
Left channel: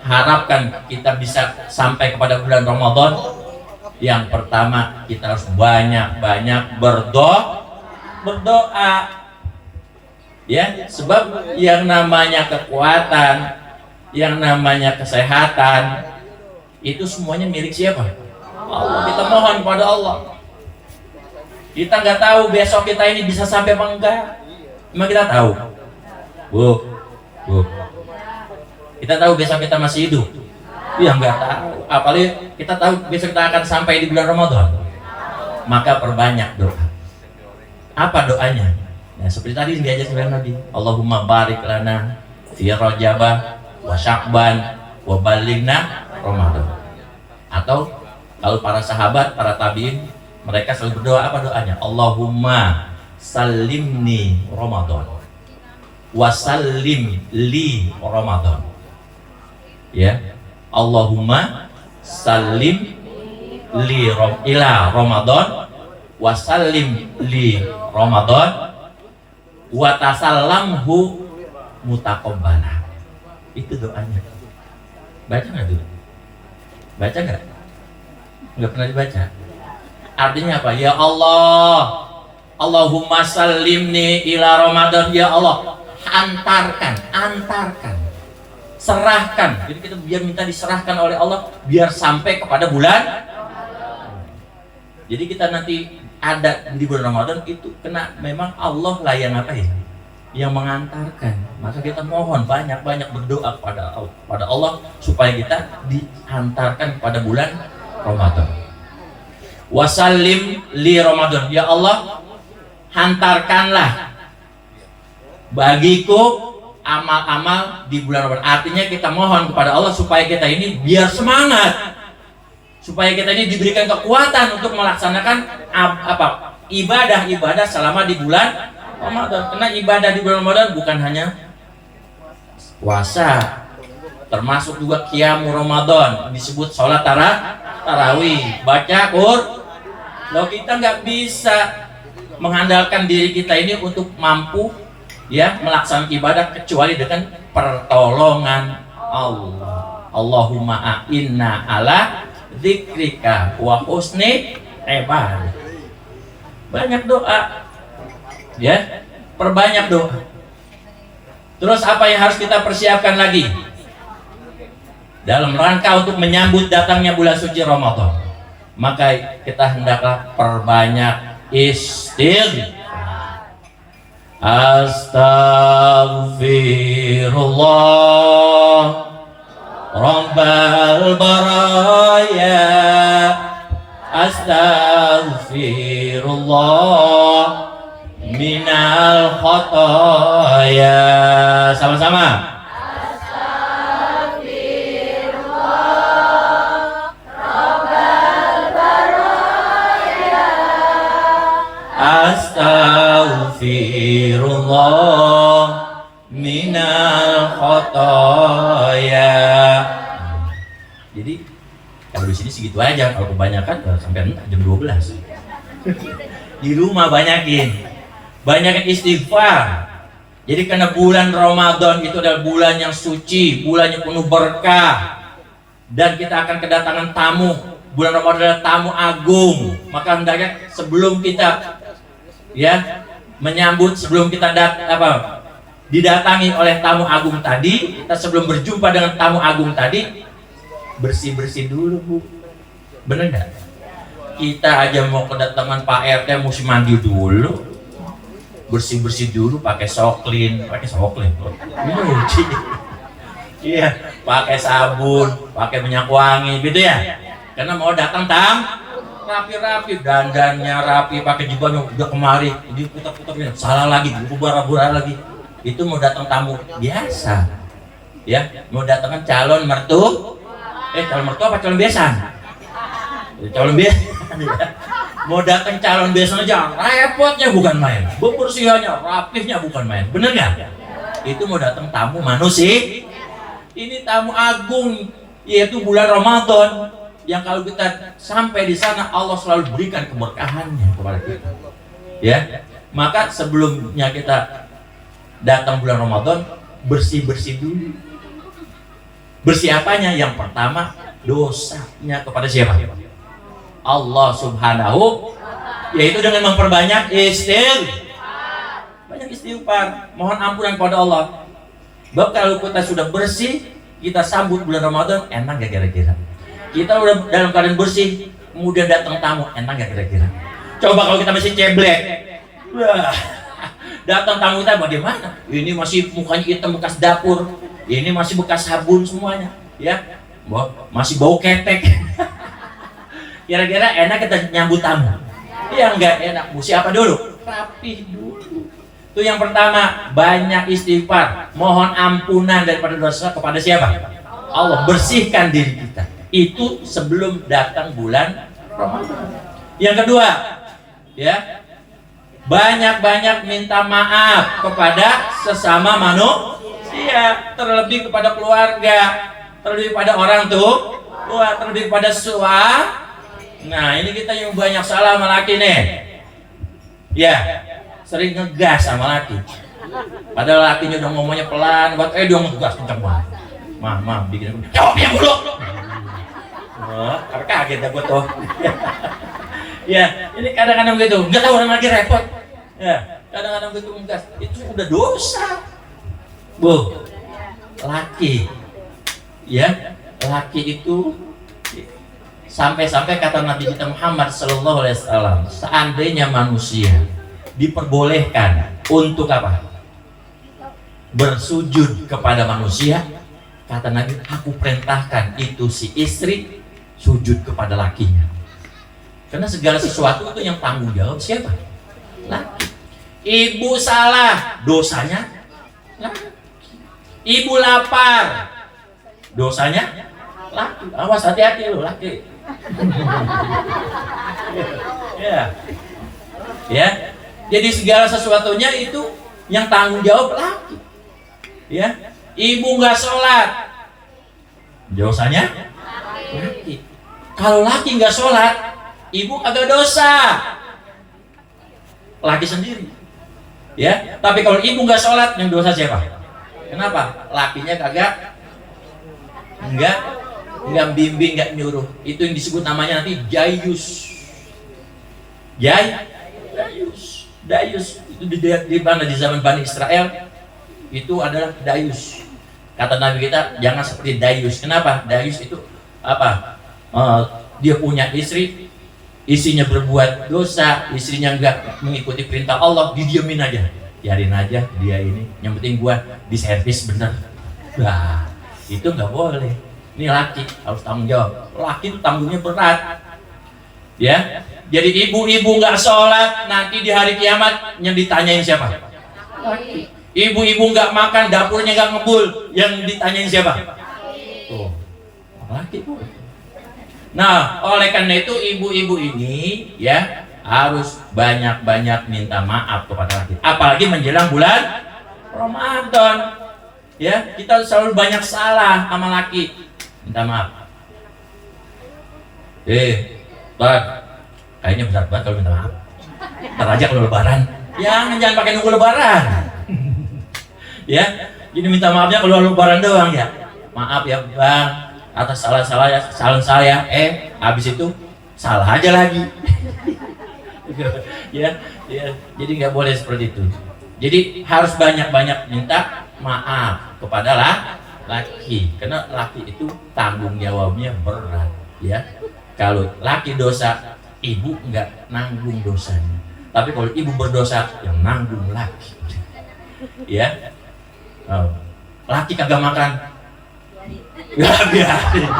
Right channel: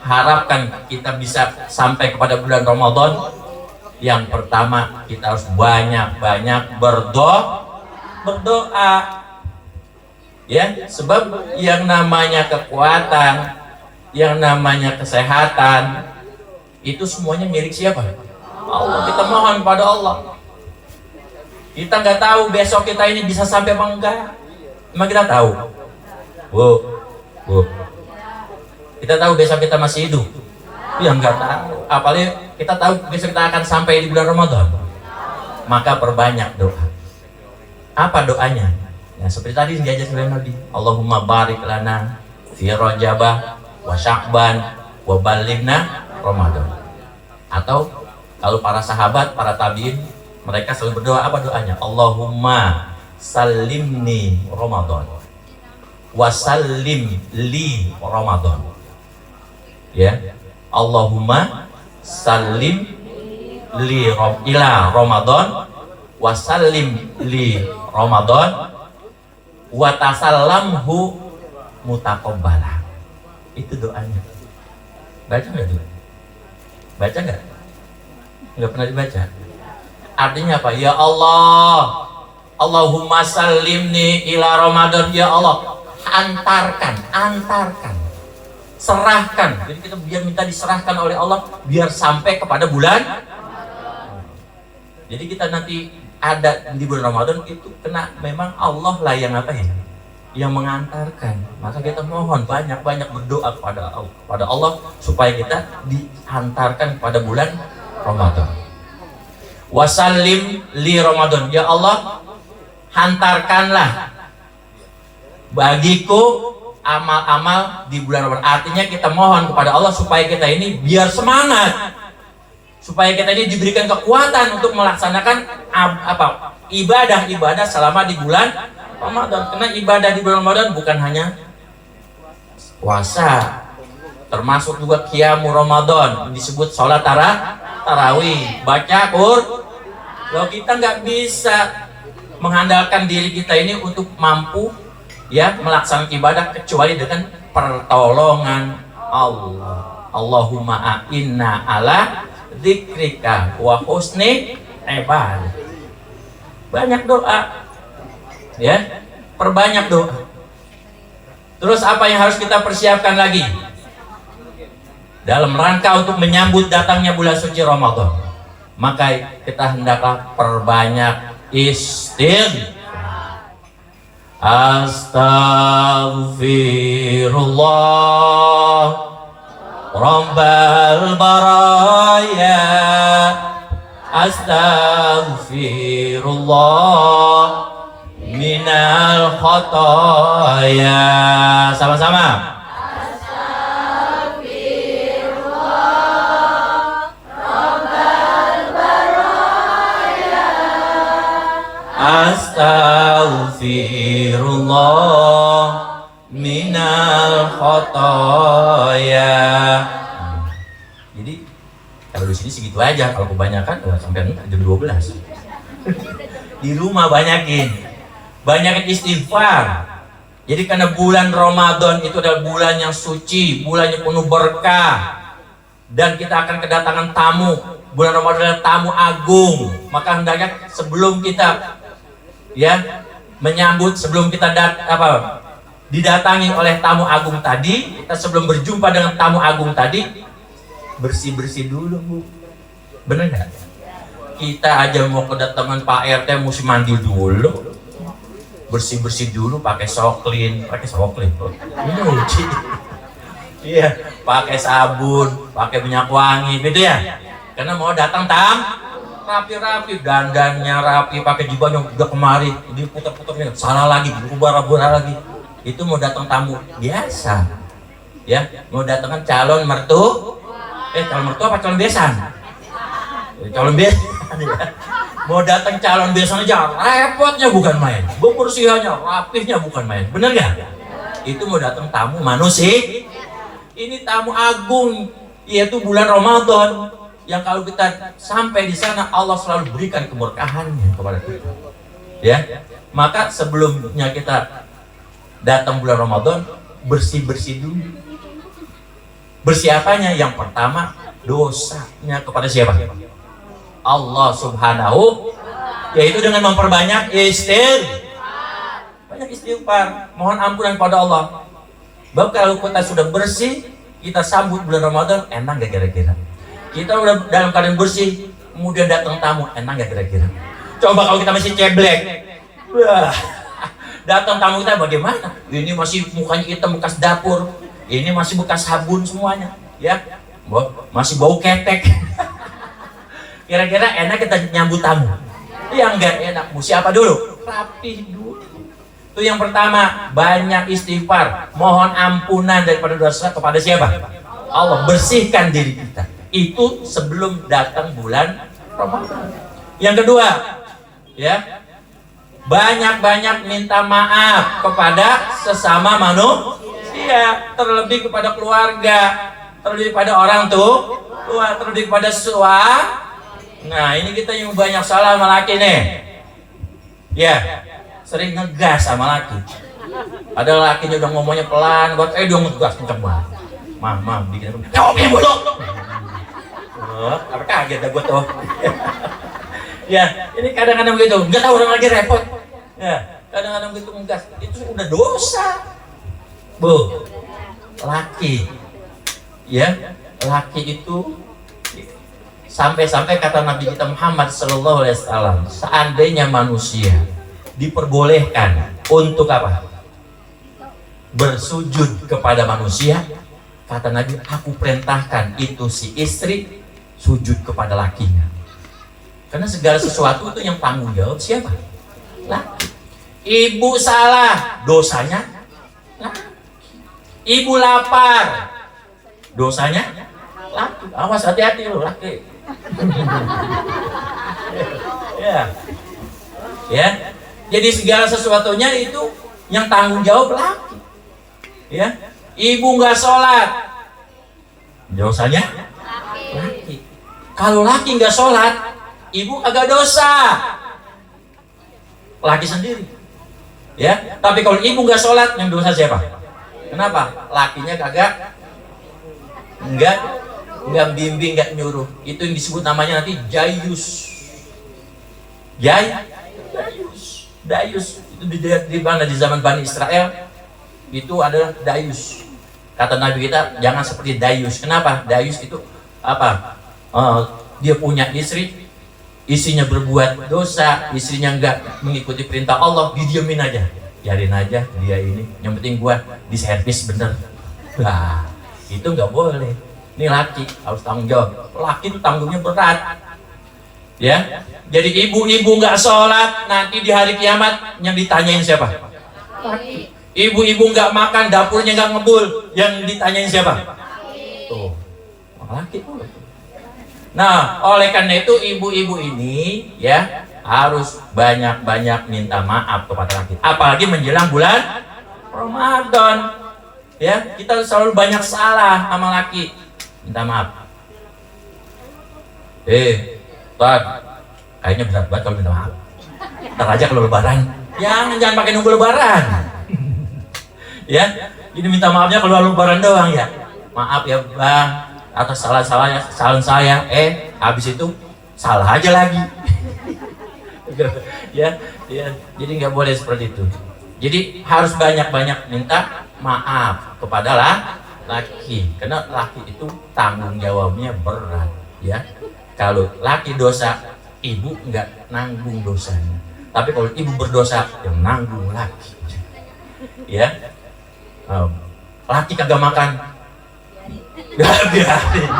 harapkan kita bisa sampai kepada bulan Ramadan. Yang pertama, kita harus banyak-banyak berdoa. Sebab yang namanya kekuatan, yang namanya kesehatan, itu semuanya milik siapa? Allah. Kita mohon pada Allah. Kita nggak tahu besok kita ini bisa sampai apa enggak. Emang kita tahu? Bu. Kita tahu besok kita masih hidup? Ya nggak tahu. Apalagi kita tahu besok kita akan sampai di bulan Ramadan. Maka perbanyak doa. Apa doanya? Ya, seperti tadi yang diajar oleh Nabi, Allahumma barik lana fi Rajabah wa Sya'ban wa balighna Ramadan. Atau kalau para sahabat, para tabiin, mereka selalu berdoa, apa doanya? Allahumma salimni Ramadan wa salim li Ramadan. Allahumma salim li ila Ramadan wa salim li Ramadan wa tasallamhu mutaqabbala. Itu doanya. Baca nggak tuh? Baca nggak? Nggak pernah dibaca. Artinya apa? Ya Allah, Allahumma salimni ila Ramadan. Ya Allah, antarkan, serahkan. Jadi kita biar minta diserahkan oleh Allah biar sampai kepada bulan. Jadi kita nanti ada di bulan Ramadan itu kena memang Allah lah yang apa ya? Yang mengantarkan. Maka kita mohon banyak-banyak berdoa kepada Allah supaya kita diantarkan pada bulan Ramadan. Wasallim li Ramadan. Ya Allah, hantarkanlah bagiku amal-amal di bulan Ramadan. Artinya kita mohon kepada Allah supaya kita ini biar semangat, supaya kita ini diberikan kekuatan untuk melaksanakan ibadah selama di bulan Ramadan. Karena ibadah di bulan Ramadan bukan hanya puasa, termasuk juga qiyamul Ramadan, disebut sholat tarawih, baca Qur'an. Kalau kita nggak bisa mengandalkan diri kita ini untuk mampu ya melaksanakan ibadah kecuali dengan pertolongan Allah. Allahumma a'inna ala dzikrika wa husni ibadah. Banyak doa ya, perbanyak doa. Terus apa yang harus kita persiapkan lagi dalam rangka untuk menyambut datangnya bulan suci Ramadan? Maka kita hendaklah perbanyak istighfar. Astaghfirullah Rabbal baraya, astaghfirullah minal khotoya. Sama-sama. Astaghfirullah minal khotoya. Jadi kalau di sini segitu aja, kalau kebanyakan sampai jam 12. Di rumah banyakin istighfar. Jadi karena bulan Ramadan itu adalah bulan yang suci, bulan yang penuh berkah, dan kita akan kedatangan tamu. Bulan Ramadan adalah tamu agung. Maka hendaknya sebelum kita menyambut, sebelum kita didatangi oleh tamu agung tadi, kita sebelum berjumpa dengan tamu agung tadi bersih-bersih dulu, Bu. Bener nggak? Kita aja mau kedatangan Pak RT mesti mandi dulu, bersih-bersih dulu, pakai soklin, Bu. Ini uji. Iya, pakai sabun, pakai minyak wangi, gitu ya. Karena mau datang rapi-rapi, dandannya rapi, pakai jubah yang udah kemari, diputar-putarnya, salah lagi, berubah-ubah lagi. Itu mau datang tamu biasa, ya, mau datangkan calon mertua, calon mertua apa calon besan? Calon besan, ya. Mau datang calon besan aja, repotnya bukan main, bebersihannya, rapihnya bukan main, bener nggak? Itu mau datang tamu manusia, ini tamu agung, yaitu bulan Ramadan. Yang kalau kita sampai di sana Allah selalu berikan keberkahannya kepada kita. Ya, maka sebelumnya kita datang bulan Ramadan bersih-bersih dulu. Bersih apanya? Yang pertama dosanya kepada siapa? Allah Subhanahu, yaitu dengan memperbanyak istighfar, mohon ampunan pada Allah. Bahwa kalau kita sudah bersih, kita sambut bulan Ramadan, enak gak kira-kira? Kita udah dalam keadaan bersih, kemudian datang tamu, enak gak kira-kira? Coba kalau kita masih ceblek, wah, datang tamu kita bagaimana? Ini masih mukanya hitam bekas dapur, ini masih bekas sabun semuanya, ya, masih bau ketek. Kira-kira enak kita nyambut tamu? Ya enggak enak. Mesti apa dulu? Rapih dulu. Itu yang pertama, banyak istighfar, mohon ampunan daripada dosa kepada siapa? Allah. Bersihkan diri kita. Itu sebelum datang bulan Ramadan. Yang kedua, ya, banyak-banyak minta maaf kepada sesama manusia, terlebih kepada keluarga, terlebih pada orang tua, terlebih kepada suami. Nah, ini kita yang banyak salah sama laki nih. Ya, sering ngegas sama laki. Padahal lakinya udah ngomongnya pelan, buat dia ngegas kenceng banget. Mah, bikin jawabnya mulu. Apa kaget dah gua tuh. Ya, ini kadang-kadang begitu, nggak tahu orang lagi repot. Ya, kadang-kadang begitu ngegas, itu udah dosa. Bu, laki, ya, laki itu sampai-sampai kata Nabi kita Muhammad Sallallahu Alaihi Wasallam, seandainya manusia diperbolehkan untuk apa? Bersujud kepada manusia, kata Nabi, aku perintahkan itu si istri sujud kepada lakinya. Karena segala sesuatu itu yang tanggung jawab siapa? Laki. Ibu salah, dosanya laki. Ibu lapar, dosanya laki. Awas, hati-hati lo laki. Ya. Ya. Jadi segala sesuatunya itu yang tanggung jawab laki. Ya. Ibu nggak sholat, dosanya laki. Kalau laki nggak sholat, ibu agak dosa, laki sendiri, ya. Tapi kalau ibu nggak sholat, yang dosa siapa? Kenapa? Lakinya kagak, nggak bimbing, nggak nyuruh. Itu yang disebut namanya nanti dayus. Dayus itu di mana di zaman Bani Israel itu adalah dayus. Kata Nabi kita jangan seperti dayus. Kenapa? Dayus itu apa? Dia punya istri, istrinya berbuat dosa, istrinya enggak mengikuti perintah Allah, didiemin aja, biarin aja dia ini, yang penting gua diservis bener. Nah, itu nggak boleh. Ini laki harus tanggung jawab. Laki itu tanggungnya berat, ya. Jadi ibu-ibu nggak sholat, nanti di hari kiamat yang ditanyain siapa? Laki. Ibu-ibu nggak makan, dapurnya nggak ngebul, yang ditanyain siapa? Tuh, laki boleh. Nah, oleh karena itu ibu-ibu ini ya harus banyak-banyak minta maaf kepada laki. Apalagi menjelang bulan Ramadan. Ya, kita selalu banyak salah sama laki. Minta maaf. Tuan, kayaknya berat banget kalau minta maaf. Ntar aja kalau lebaran. Jangan pakai nunggu lebaran. Ya, jadi minta maafnya kalau lebaran doang ya. Maaf ya bang, atas salah saya, habis itu salah aja lagi. ya, jadi nggak boleh seperti itu. Jadi harus banyak-banyak minta maaf kepada laki, karena laki itu tanggung jawabnya berat, ya. Kalau laki dosa, ibu nggak nanggung dosanya. Tapi kalau ibu berdosa, yang nanggung laki. Ya, laki kagak makan, gak biarin.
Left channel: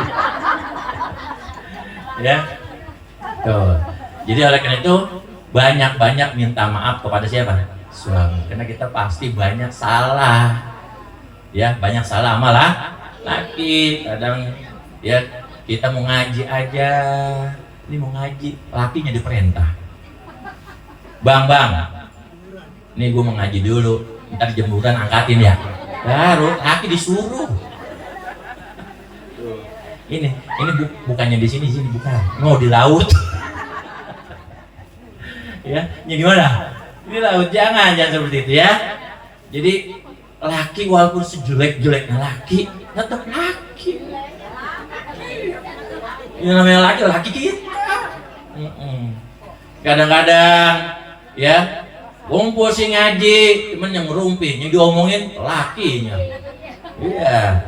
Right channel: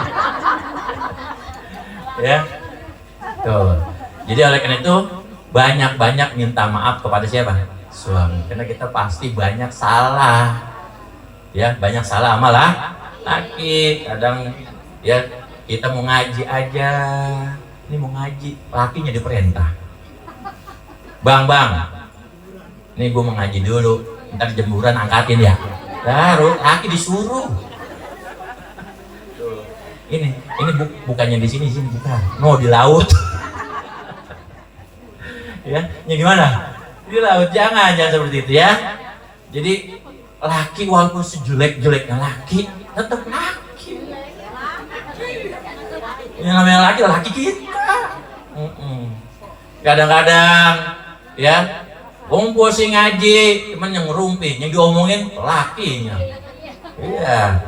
Ya, tuh. Jadi oleh karena itu banyak-banyak minta maaf kepada siapa? Suami. Karena kita pasti banyak salah. Ya, banyak salah malah laki. Kadang ya kita mau ngaji aja, ini mau ngaji, lakinya diperintah. Bang, ini gue mau ngaji dulu, ntar jemuran angkatin ya. Baru laki disuruh. Ini bukannya di sini bukan. Mau di laut. Ya gimana? Di laut jangan seperti itu ya. Jadi laki walaupun sejelek-jeleknya laki, tetap laki. Yang namanya laki kita. Kadang-kadang ya ngumpul sih ngaji, cuman yang ngerumpi, yang diomongin lakinya. Iya.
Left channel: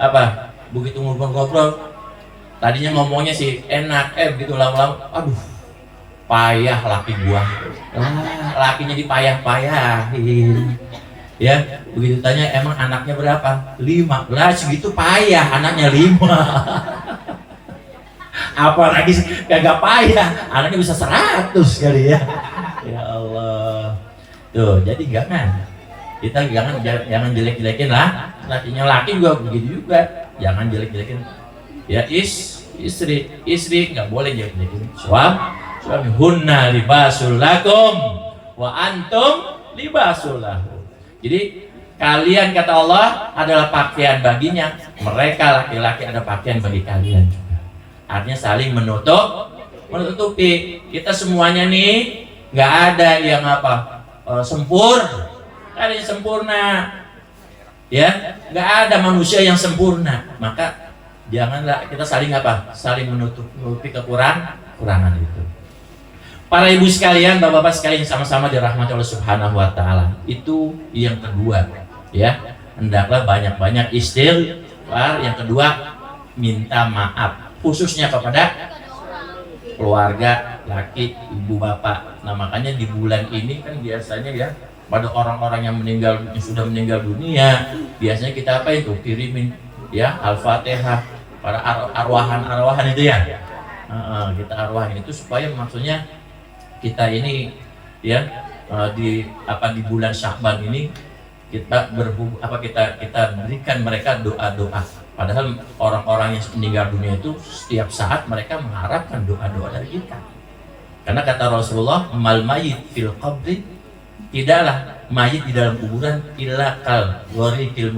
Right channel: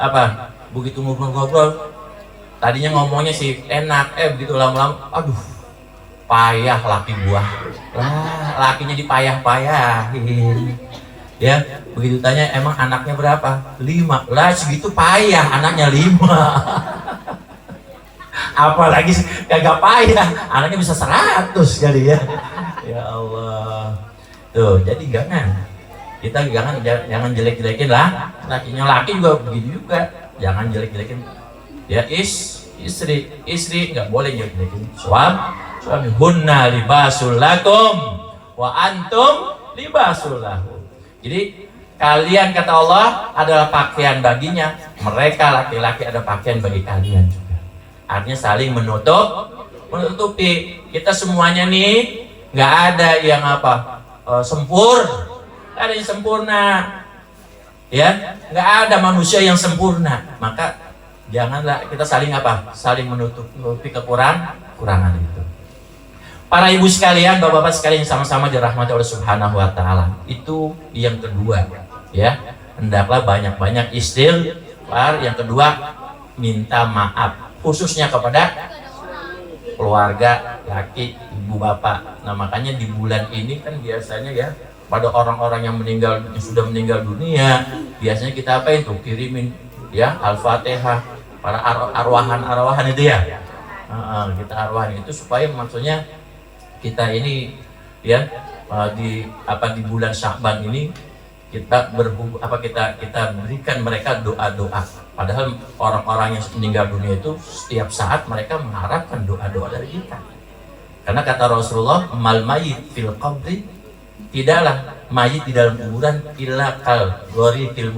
Apa? Begitu ngobrol-ngobrol, tadinya ngomongnya sih enak, begitu lama-lama, aduh, payah laki gua. Lakinya dipayah-payahin. Ya, begitu tanya emang anaknya berapa? 5. Lah segitu payah anaknya 5. Apalagi kagak payah, anaknya bisa 100 kali ya. Ya Allah. Tuh, jadi kita jangan jelek-jelekin lah. Lakinya laki juga begitu juga. Jangan jelek-jelekin. Ya istri nggak boleh jelek-jelekin. Suami hunna libasul lakum wa antum libasul lahum. Jadi kalian kata Allah adalah pakaian baginya. Mereka laki-laki ada pakaian bagi kalian juga. Artinya saling menutupi. Kita semuanya nih nggak ada yang sempurna. Nggak ada yang sempurna. Ya, nggak ada manusia yang sempurna. Maka Janganlah kita saling apa? Saling menutupi kekurangan itu. Para ibu sekalian, bapak-bapak sekalian yang sama-sama dirahmati oleh Subhanahu wa taala. Itu yang kedua, ya. Hendaklah banyak-banyak istighfar. Yang kedua, minta maaf khususnya kepada keluarga, laki, ibu, bapak. Nah, makanya di bulan ini kan biasanya ya pada orang-orang yang sudah meninggal dunia, biasanya kita apa itu? Kirimin ya Al-Fatihah para arwahan itu ya. Kita arwahan itu supaya maksudnya kita ini ya di bulan Sya'ban ini kita kita berikan mereka doa-doa. Padahal orang-orang yang meninggal dunia itu setiap saat mereka mengharapkan doa-doa dari kita. Karena kata Rasulullah, mal mayyit fil qabri, tidaklah mayit di dalam kuburan illa kal ghoriqil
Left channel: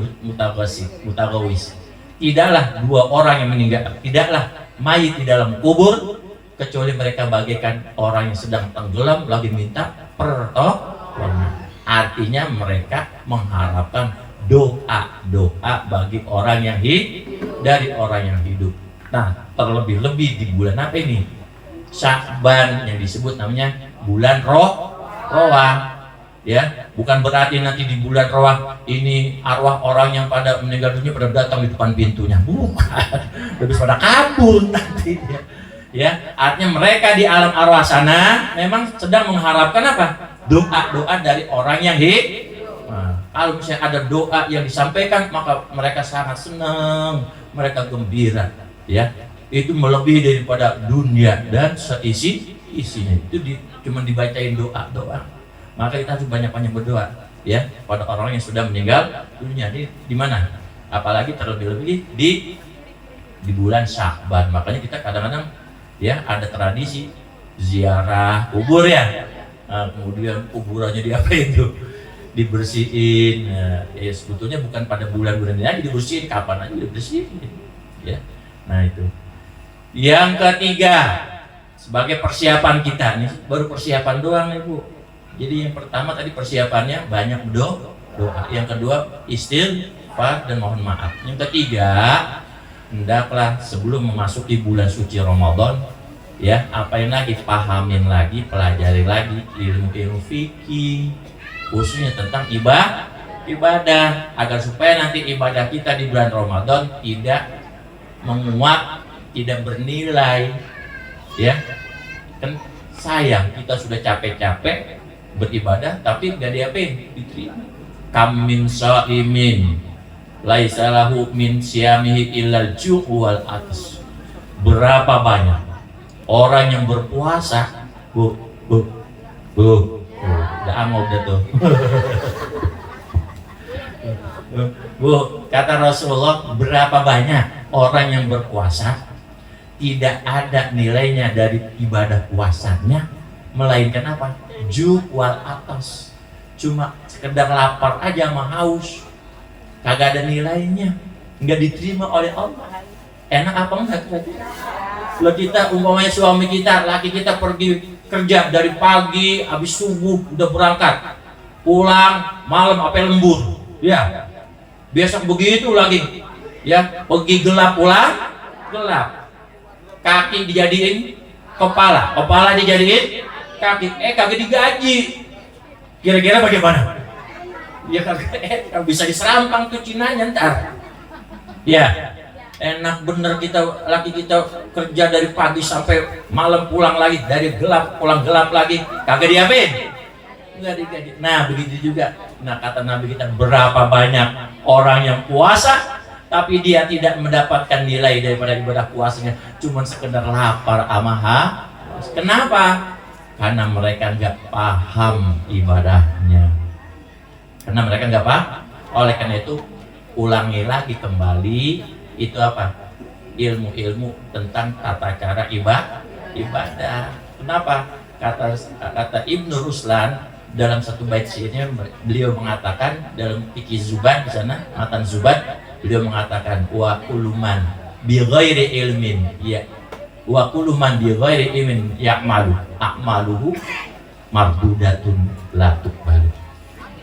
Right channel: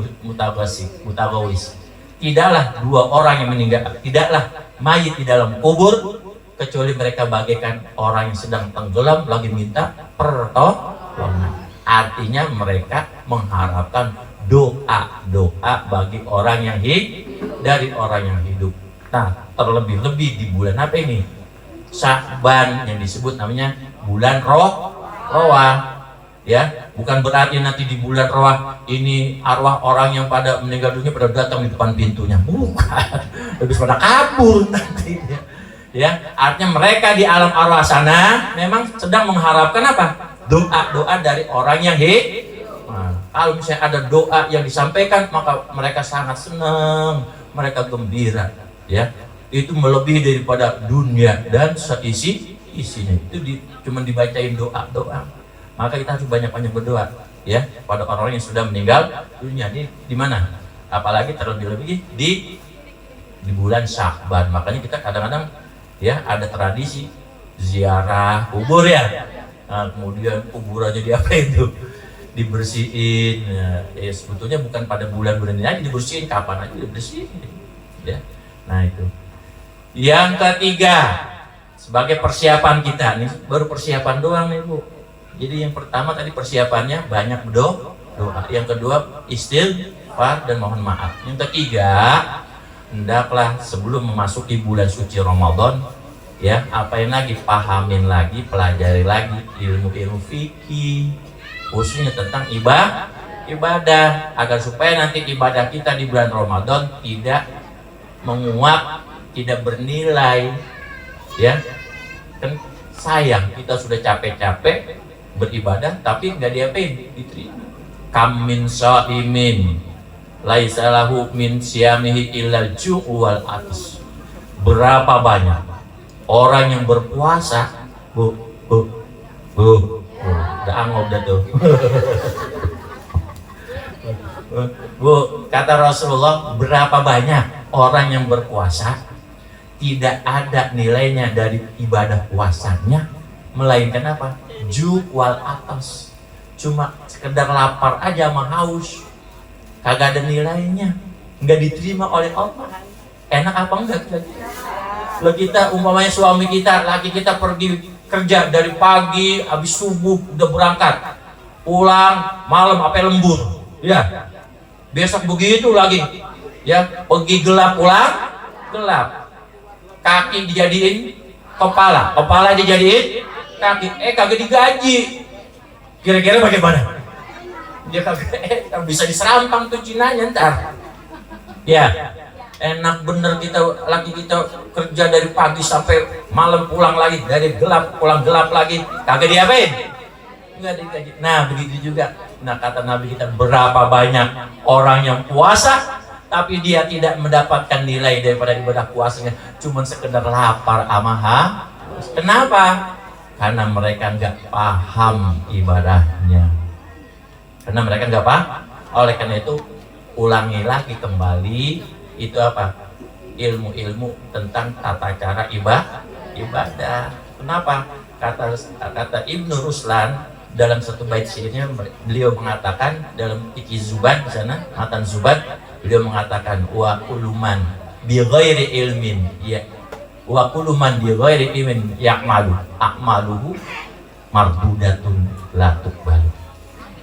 mutagawis. Tidaklah dua orang yang meninggal, tidaklah mayit di dalam kubur kecuali mereka bagaikan orang yang sedang tenggelam lagi minta pertolongan. Artinya mereka mengharapkan doa bagi orang yang dari orang yang hidup. Nah, terlebih-lebih di bulan apa ini? Sya'ban, yang disebut namanya bulan Roah. Ya, bukan berarti nanti di bulan Roah ini arwah orang yang pada meninggal dunia pada datang di depan pintunya. Bukan. Lebih pada kabur nanti ya. Ya, artinya mereka di alam arwah sana memang sedang mengharapkan apa? Doa dari orang yang hidup. Nah, kalau misalnya ada doa yang disampaikan, maka mereka sangat senang, mereka gembira, ya. Itu melebihi daripada dunia dan isinya. Itu cuma dibacain doa. Maka kita harus banyak-banyak berdoa, ya, pada orang yang sudah meninggal dunia. Di mana? Apalagi terlebih-lebih di bulan Sya'ban. Makanya kita kadang-kadang ya ada tradisi ziarah kubur ya. Nah, kemudian kuburannya diapain tuh? Dibersihin. Nah, ya sebetulnya bukan pada bulan-bulan ini aja dibersihin, kapan aja dibersihin, ya. Nah, itu. Yang ketiga, sebagai persiapan kita nih, baru persiapan doang nih Bu. Jadi yang pertama tadi persiapannya banyak doa. Yang kedua istighfar dan mohon maaf. Yang ketiga, hendaklah sebelum memasuki bulan suci Ramadan, ya, apain lagi, pahamin lagi, pelajari lagi ilmu-ilmu fikih, khususnya tentang ibadah, agar supaya nanti ibadah kita di bulan Ramadan tidak menguap, tidak bernilai, ya. Kan sayang kita sudah capek-capek beribadah tapi nggak diapain, diterima. Kam min shaimin laisa lahu min siyamihi illal ju' wal atas. Berapa banyak orang yang berpuasa, Bu, udah angop dah tuh. Bu, kata Rasulullah, berapa banyak orang yang berpuasa tidak ada nilainya dari ibadah puasanya, melainkan apa? Ju' wal atas. Cuma sekedar lapar aja sama haus, kagak ada nilainya, nggak diterima oleh Allah. Enak apa enggak kira-kira? Kalau kita umpamanya suami kita, laki kita pergi kerja dari pagi, habis subuh udah berangkat, pulang malam apa lembur, ya. Besok begitu lagi, ya, pergi gelap pulang gelap. Kaki dijadiin kepala dijadiin kaki, kagak digaji. Kira-kira bagaimana? Ya kagak bisa diserampang tuh Cinanya ntar. Ya, enak bener kita, laki kita kerja dari pagi sampai malam pulang lagi, dari gelap pulang gelap lagi, kagak diapain? Enggak digaji. Nah, begitu juga. Nah, kata Nabi kita, berapa banyak orang yang puasa tapi dia tidak mendapatkan nilai daripada ibadah puasanya, cuma sekedar lapar ama haus. Kenapa? Karena mereka nggak paham ibadahnya. Karena mereka nggak paham. Oleh karena itu, ulangi lagi kembali itu apa? Ilmu-ilmu tentang tata cara ibadah. Kenapa? Kata Ibnu Ruslan dalam satu bait syairnya, beliau mengatakan dalam Fikih Zubat di sana, Matan Zubat, beliau mengatakan wa uluman bi ghairi ilmin, ya, wa uluman bi ghairi ilmin ya'malu a'maluhu mardudatun la tuqbalu.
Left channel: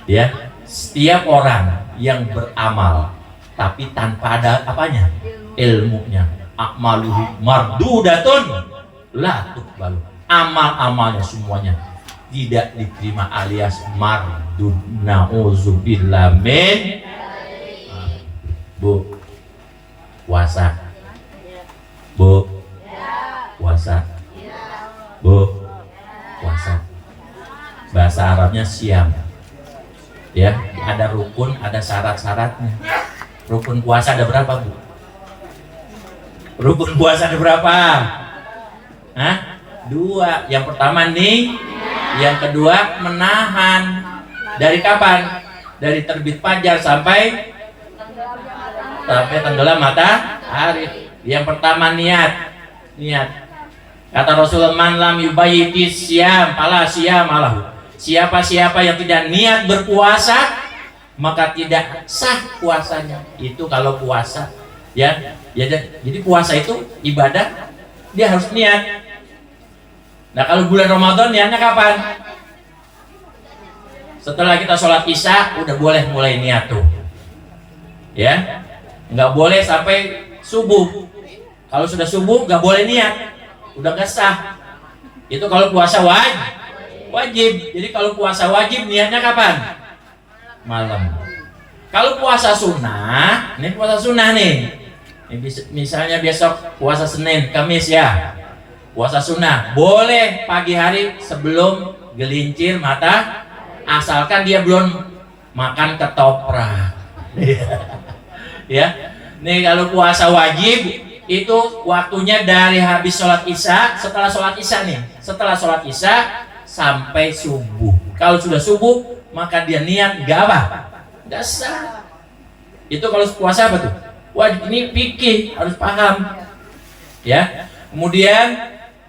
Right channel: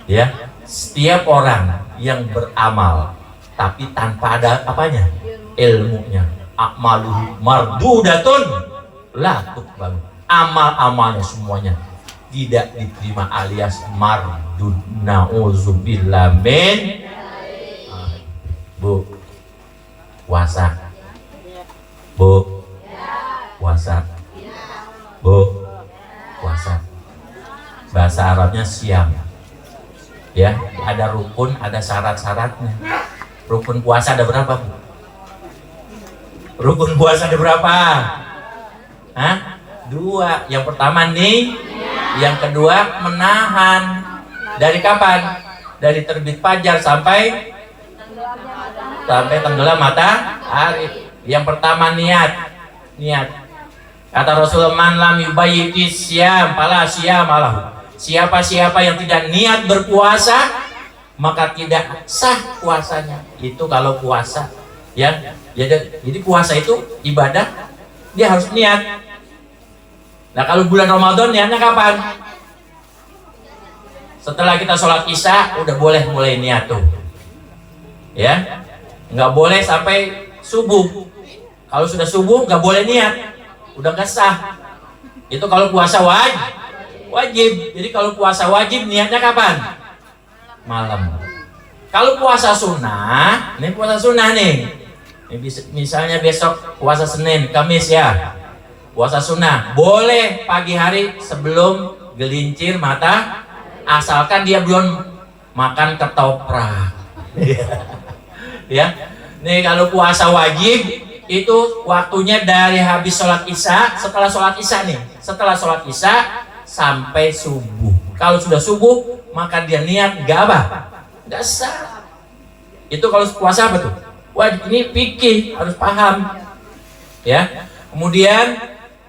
Ya, setiap orang yang beramal tapi tanpa ada apanya? ilmunya. A'maluhu mardudatun la tuqbalu. Amal-amalnya semuanya tidak diterima alias mardud. Nauzubillah min. Bu, puasa. Bu, puasa. Bu, puasa. Bahasa Arabnya siam. Ya, ada rukun, ada syarat-syaratnya. Rukun puasa ada berapa, Bu? Rukun puasa ada berapa? Hah? 2. Yang pertama nih, yang kedua menahan. Dari kapan? Dari terbit fajar sampai tenggelam matahari. Yang pertama niat. Kata Rasulullah, man lam yubayyiti syam fala syiyama lahu. Siapa yang tidak niat berpuasa, maka tidak sah puasanya. Itu kalau puasa, ya. Jadi puasa itu ibadah, dia harus niat. Nah, kalau bulan Ramadan niatnya kapan? Setelah kita sholat isya udah boleh mulai niat tuh, ya. Nggak boleh sampai subuh. Kalau sudah subuh nggak boleh niat, udah nggak sah. Itu kalau puasa wajib. Jadi kalau puasa wajib niatnya kapan? Malam. Kalau puasa sunnah, ini puasa sunnah nih. Misalnya besok puasa Senin, Kamis ya. Puasa sunnah boleh pagi hari sebelum gelincir mata, asalkan dia belum makan ketoprak. Ya. Nih kalau puasa wajib itu waktunya dari habis sholat isya, setelah sholat isya sampai subuh. Kalau sudah subuh maka dia niat nggak sah. Itu kalau puasa apa tuh? Wajib. Ini fikih, harus paham, ya. Kemudian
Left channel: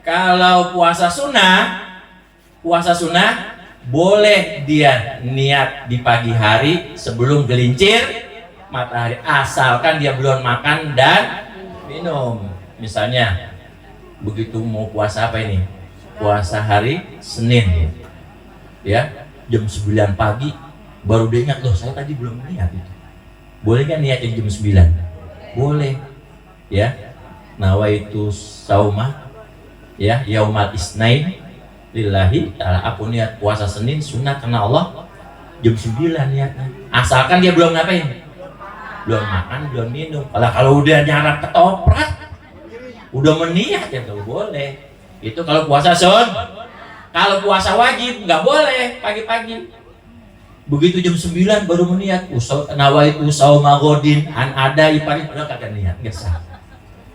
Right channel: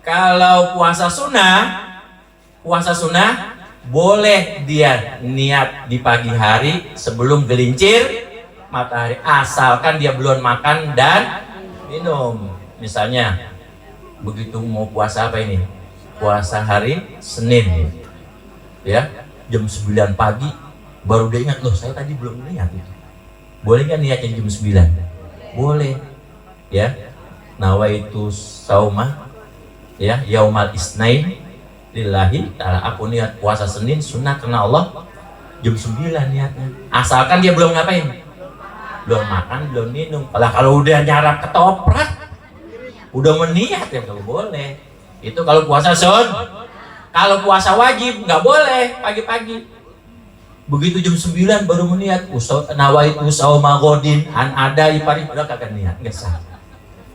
kalau puasa sunnah boleh dia niat di pagi hari sebelum gelincir matahari, asalkan dia belum makan dan minum. Misalnya begitu mau puasa apa ini? Puasa hari Senin, ya, jam 9 pagi baru dia ingat, loh saya tadi belum niat itu. Boleh nggak niat jam 9? Boleh, ya. Nawaitu sauma, ya, yaumal isnain lillahi ta'ala. Aku niat puasa Senin sunnah karena Allah jam 9 niatnya. Asalkan dia belum ngapain? Belum makan, belum minum. Kalau udah nyarap ketoprak, udah meniat ya nggak boleh. Itu kalau puasa Kalau puasa wajib nggak boleh pagi-pagi. Begitu jam 9 baru meniat. Nawaitu sauma godin an ada ipari, udah kagak niat, nggak sah.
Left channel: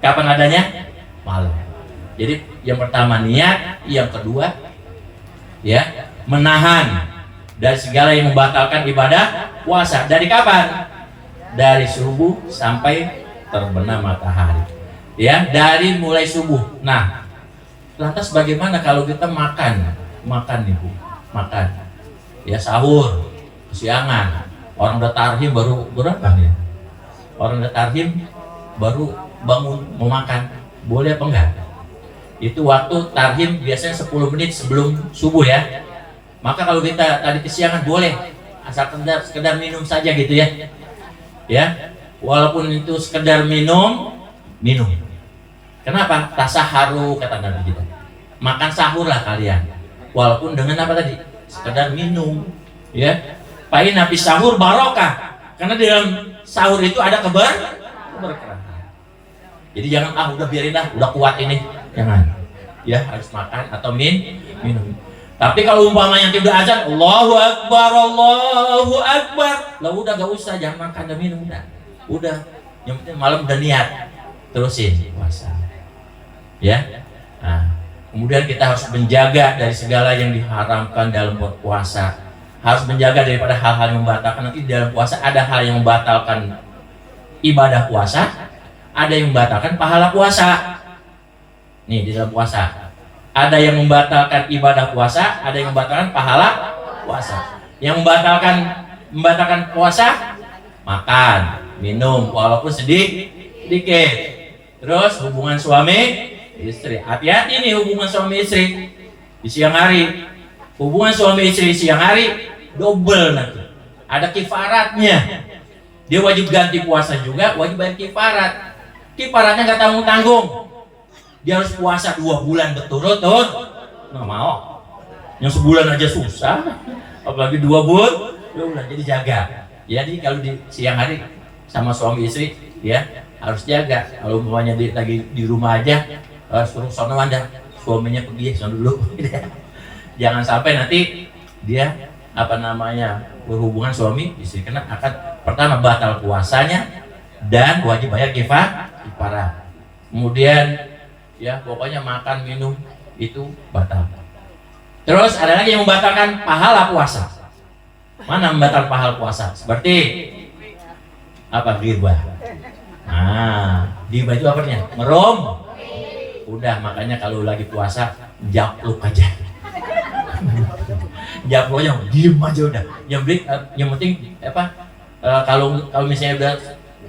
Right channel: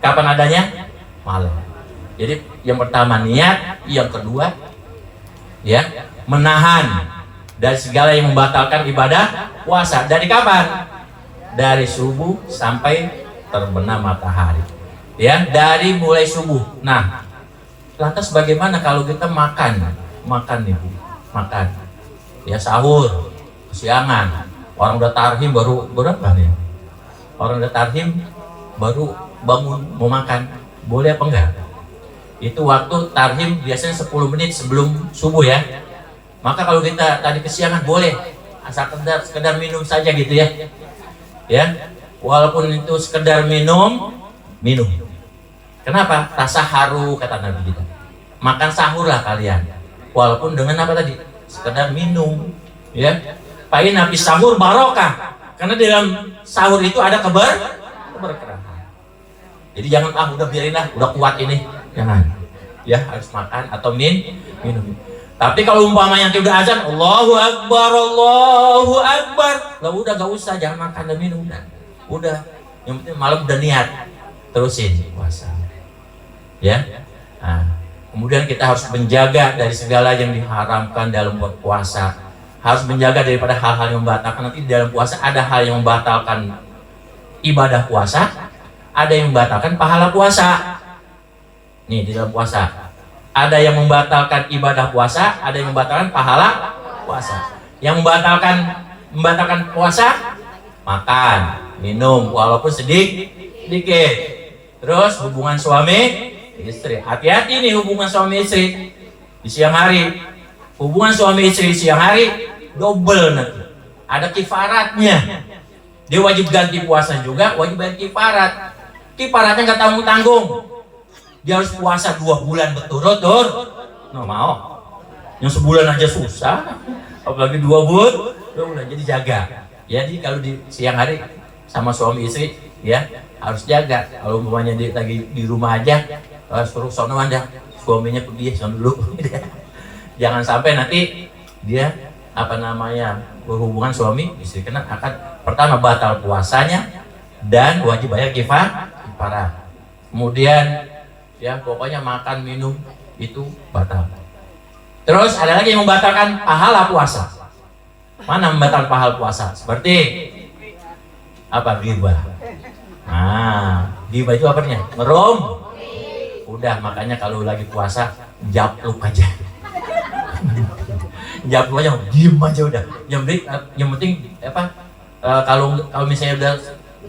Kapan adanya? Malam. Jadi yang pertama niat, yang kedua ya menahan dari segala yang membatalkan ibadah puasa. Dari kapan? Dari subuh sampai terbenam matahari, ya, dari mulai subuh. Nah, lantas bagaimana kalau kita makan nih Bu, makan, ya, sahur, kesiangan, orang udah tarhim baru berapa nih? Orang udah tarhim baru bangun mau makan, boleh apa enggak? Itu waktu tarhim biasanya 10 menit sebelum subuh ya. Maka kalau kita tadi kesiangan boleh, asal sekedar minum saja gitu ya. Ya, walaupun itu sekedar minum. Kenapa? Tasaharu kata Nabi kita. Makan sahurlah kalian. Walaupun dengan apa tadi? Sekedar minum, ya. Pain nabi sahur barokah. Karena di dalam sahur itu ada keberkahan. Jadi jangan udah biarin lah, udah kuat ini. Jangan. Ya, harus makan atau minum. Tapi kalau umpamanya nanti udah azan, Allahu Akbar, lah udah gak usah, jangan makan dan minum dah. Udah, yang penting malam udah niat, terusin puasa. Ya, nah, kemudian kita harus menjaga dari segala yang diharamkan dalam berpuasa. Harus menjaga daripada hal-hal yang membatalkan. Nanti di dalam puasa ada hal yang membatalkan ibadah puasa, ada yang membatalkan pahala puasa. Nih di dalam puasa ada yang membatalkan ibadah puasa, ada yang membatalkan pahala puasa. Yang membatalkan puasa, makan, minum walaupun sedikit. Terus hubungan suami istri. Hati-hati nih hubungan suami istri di siang hari. Hubungan suami istri di siang hari double nanti. Ada kifaratnya. Dia wajib ganti puasa juga, wajib bayar kifarat. Kiparatnya nggak tanggung-tanggung. Dia harus puasa 2 bulan berturut-turut. Nggak mau. Yang sebulan aja susah, apalagi 2 bulan. Jadi jaga. Jadi kalau di siang hari sama suami istri, ya harus jaga. Kalau umpamanya dia lagi di rumah aja, suruh sono anda, suaminya pergi sono dulu. Jangan sampai nanti dia berhubungan suami istri, karena akan pertama batal puasanya dan wajib bayar kifarat. Kemudian ya pokoknya makan minum itu batal. Terus ada lagi yang membatalkan pahala puasa. Mana membatalkan pahala puasa? Seperti apa? Ghibah. Nah, ghibah itu apa artinya? Ngerum. Udah, makanya kalau lagi puasa japluk aja. Japluk aja, diem aja udah. Yang penting apa? Kalau misalnya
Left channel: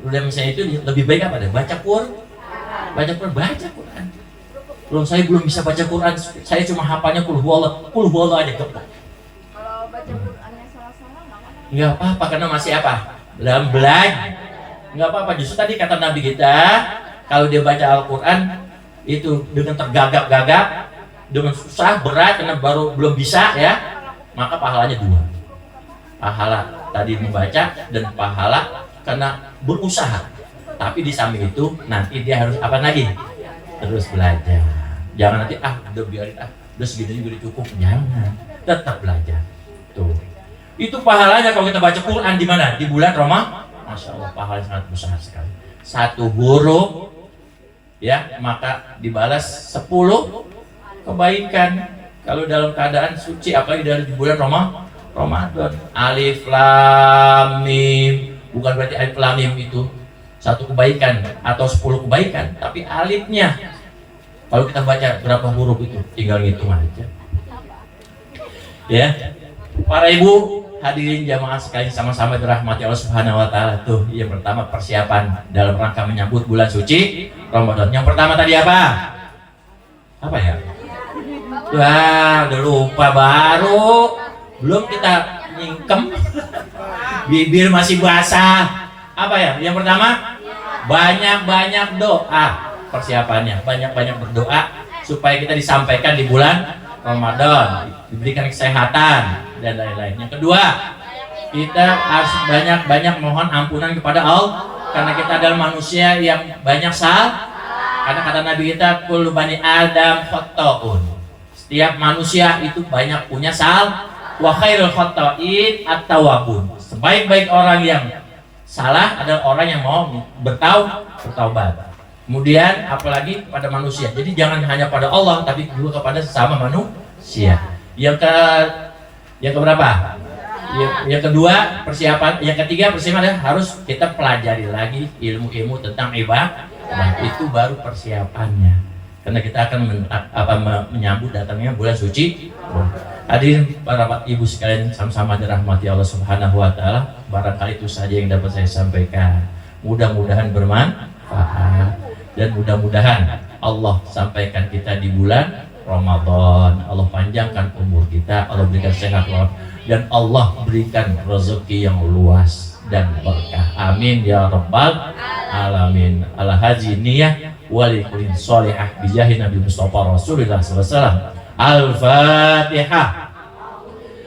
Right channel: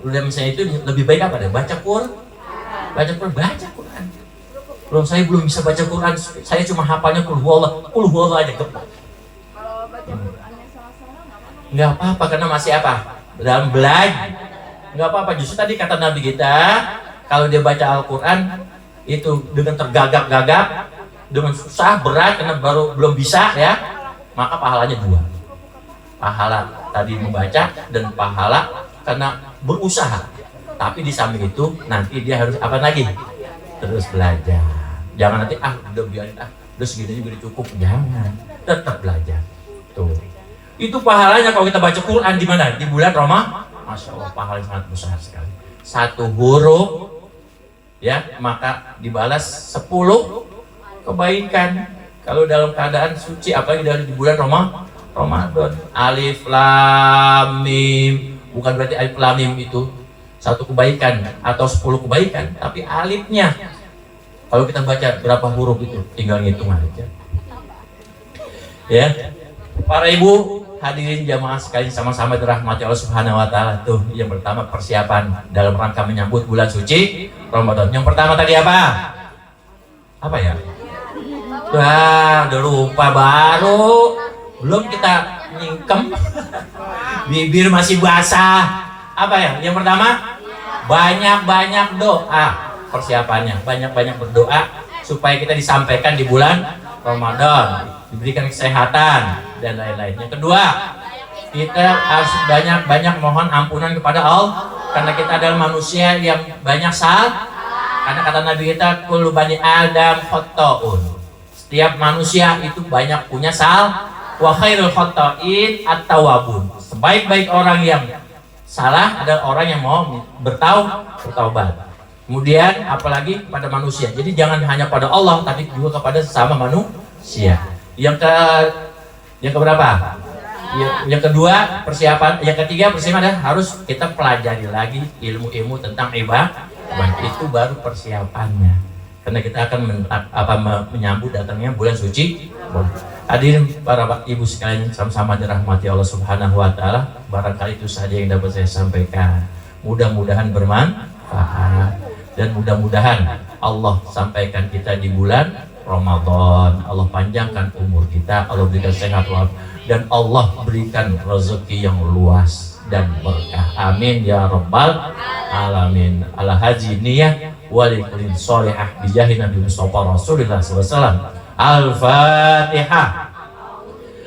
udah misalnya itu lebih baik apa deh? Baca Quran. Baca Quran. Loh, saya belum bisa baca Quran, saya cuma hafalnya qul huwallah aja gepok. Kalau baca Qurannya salah-salah nggak apa-apa? Nggak apa-apa, karena masih apa? Dalam belajar. Nggak apa-apa, justru tadi kata Nabi kita, kalau dia baca Al-Quran itu dengan tergagap-gagap, dengan susah, berat, karena belum bisa ya, maka pahalanya 2. Pahala tadi membaca dan pahala karena berusaha. Tapi di samping itu nanti dia harus apa lagi? Terus belajar. Jangan nanti udah biarin udah segini udah cukup. Jangan, tetap belajar. Tuh. Itu pahalanya kalau kita baca Quran di mana? Di bulan Ramadan. Masya Allah, pahalanya sangat besar sekali. 1 huruf ya, maka dibalas 10 kebaikan. Kalau dalam keadaan suci, apalagi dari bulan Ramadan. Alif lam mim, bukan berarti alif lam mim itu 1 kebaikan atau 10 kebaikan, tapi alifnya. Kalau kita baca berapa huruf itu, tinggal ngitung aja. Ya, para ibu hadirin jamaah sekalian sama-sama dirahmati Allah Subhanahu Wa Taala. Tuh, yang pertama persiapan dalam rangka menyambut bulan suci Ramadan. Yang pertama tadi apa? Apa ya? Wah, udah lupa, baru belum kita nyingkem, bibir masih basah. Apa ya? Yang pertama, banyak-banyak doa. Persiapannya, banyak-banyak berdoa supaya kita disampaikan di bulan Ramadan, diberikan kesehatan dan lain-lain. Yang kedua, kita harus banyak-banyak mohon ampunan kepada Allah, karena kita adalah manusia yang banyak salah. Karena kata Nabi kita, kullu bani Adam khata'un. Setiap manusia itu banyak punya salah. Wa khairul khata'in at-tawwabun. Sebaik-baik orang yang salah adalah orang yang mau bertaubat. Kemudian apalagi pada manusia. Jadi jangan hanya pada Allah, tapi juga kepada sesama manusia. Yang keberapa? Yang kedua persiapan. Yang ketiga persiapan adalah harus kita pelajari lagi ilmu-ilmu tentang ibadah. Itu baru persiapannya. Karena kita akan menyambut datangnya bulan suci. Hadirin para ibu sekalian sama-sama dirahmati Allah Subhanahu Wa Taala. Barangkali itu saja yang dapat saya sampaikan. Mudah-mudahan bermanfaat. Dan mudah-mudahan Allah sampaikan kita di bulan Ramadan. Allah panjangkan umur kita, Allah berikan sehat dan Allah berikan rezeki yang luas dan berkah. Amin ya rabbal alamin. Ala haji niyah walikulin sholihah bijahi Nabi Mustafa Rasulullah SAW. Al-Fatihah.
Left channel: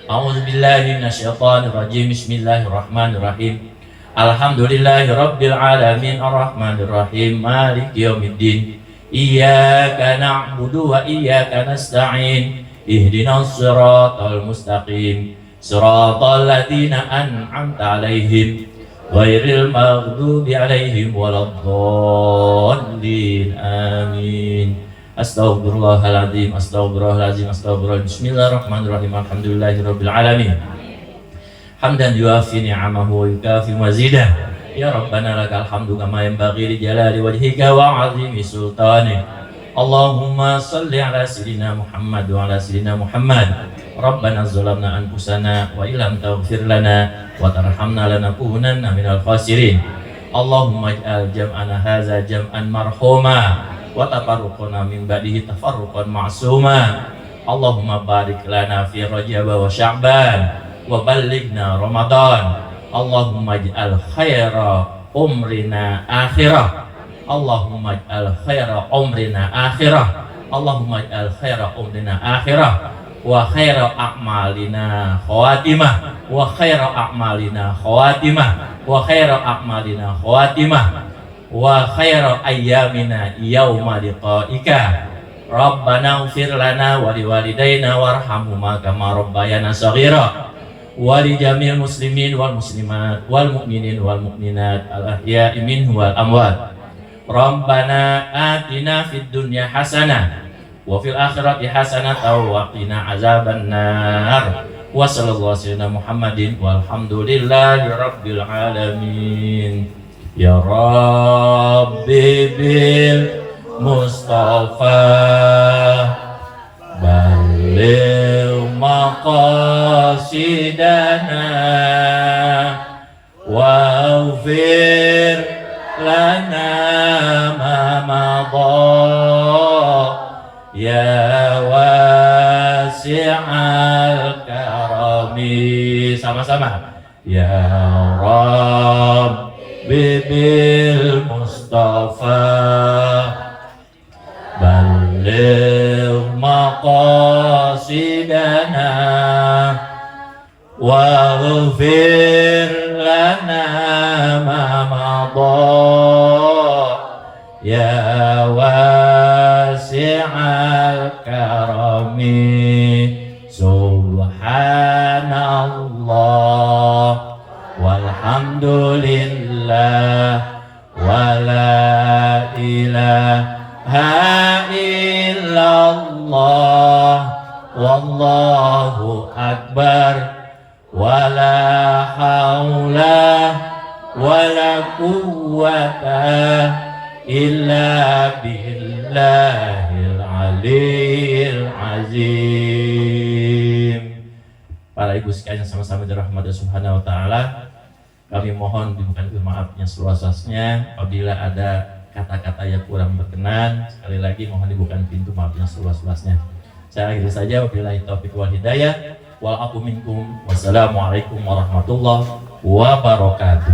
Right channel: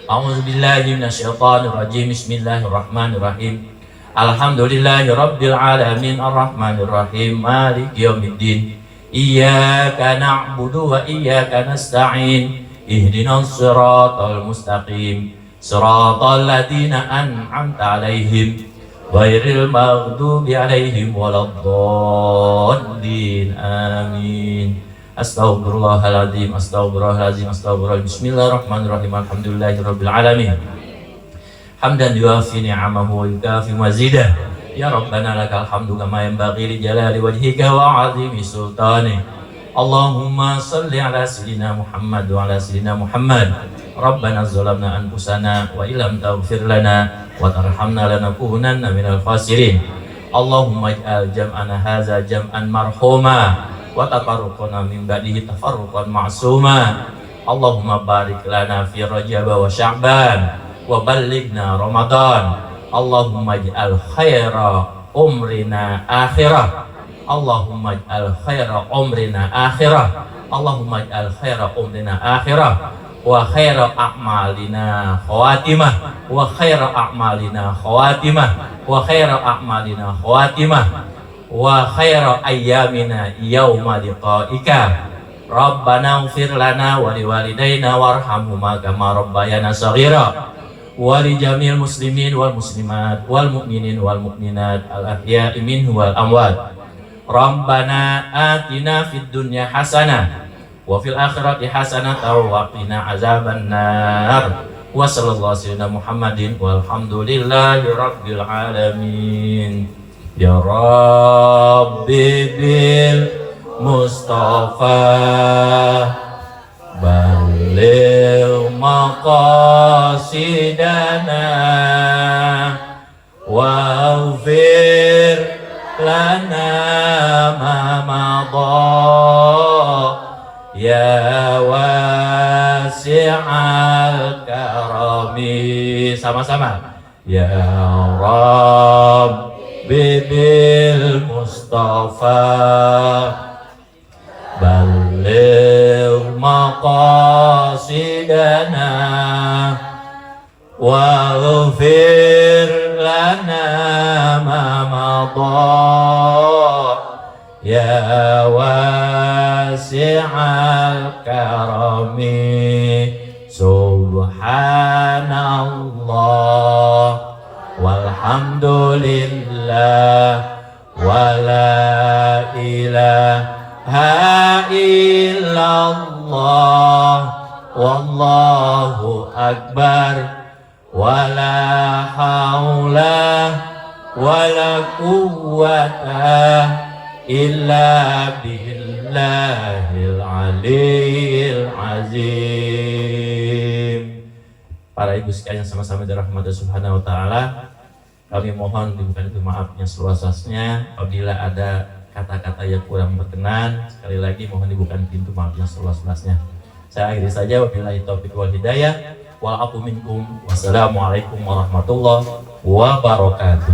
A'udzubillahi minasyaitonirrajim. Bismillahirrahmanirrahim. Alhamdulillahi rabbil alamin arrahmanir rahim maliki yaumiddin iyyaka na'budu wa iyyaka nasta'in ihdinas siratal mustaqim siratal ladzina an'amta 'alaihim ghairil maghdubi 'alaihim waladdallin amin. Astaghfirullahaladzim, astaghfirullahaladzim, astaghfirullahaladzim. Bismillahirrahmanirrahim. Alhamdulillahirabbil alamin. Hamdan yuafi ni'amahu wa yukafi mazidah. Ya Rabbana lakal hamdu kama yanbaghi li jalali wajhika wa 'azimi sultanik. Allahumma salli ala sayyidina Muhammad wa ala sayyidina Muhammad. Rabbana zalamna anfusana wa illam taghfir lana wa tarhamna lanakunanna minal khasirin. Allahumma ij'al jam'ana hadza jam'an marhuma wa tafarruqana min ba'dihi tafarruqan ma'suma. Allahumma barik lana fi Rajab wa Sya'ban wa ballighna Ramadan. Allahumma ij'al khaira umrina akhirah. Allahumma ij'al khaira umrina akhirah. Allahumma ij'al khaira umrina akhirah wa khaira a'malina khawatimah wa khaira a'malina khawatimah wa khaira a'malina khawatimah wa khaira ayyamina yauma liqa'ika. Rabbana ighfir lana wa liwalidayna warhamhuma kama rabbayana shaghira wa li jami'il muslimin wal muslimat wal mu'minin wal mu'minat al ahya'i minhum wal amwat. Rabbana atina fid dunya hasanah wa fil akhirati hasanatan wa qina azabannar. Wa sallallahu sayyidina Muhammadin walhamdulillahi rabbil alamin. Ya Rabbi bil Mustafa balil maqasidana waghfir lana ma madha ya wasi'al karami. Sama-sama. Ya Rabbi bil Mustafa balil maqasidana waghfir lana ma madha ya wasi'al karami. Subhanallah walhamdulillah wala ilaha illallah wallahu akbar wala haula wala quwwata illa billahil aliyil azim. Para ibu sekalian sama-sama dirahmati Subhanahu wa taala, kami mohon diberikan maafnya seluas-luasnya. Apabila ada kata-kata yang kurang berkenan, sekali lagi mohon dibukakan pintu maafnya seluas-luasnya. Saya akhiri saja, wabillahi taufiq wal hidayah. Wal aqu minkum. Wassalamualaikum warahmatullahi wabarakatuh.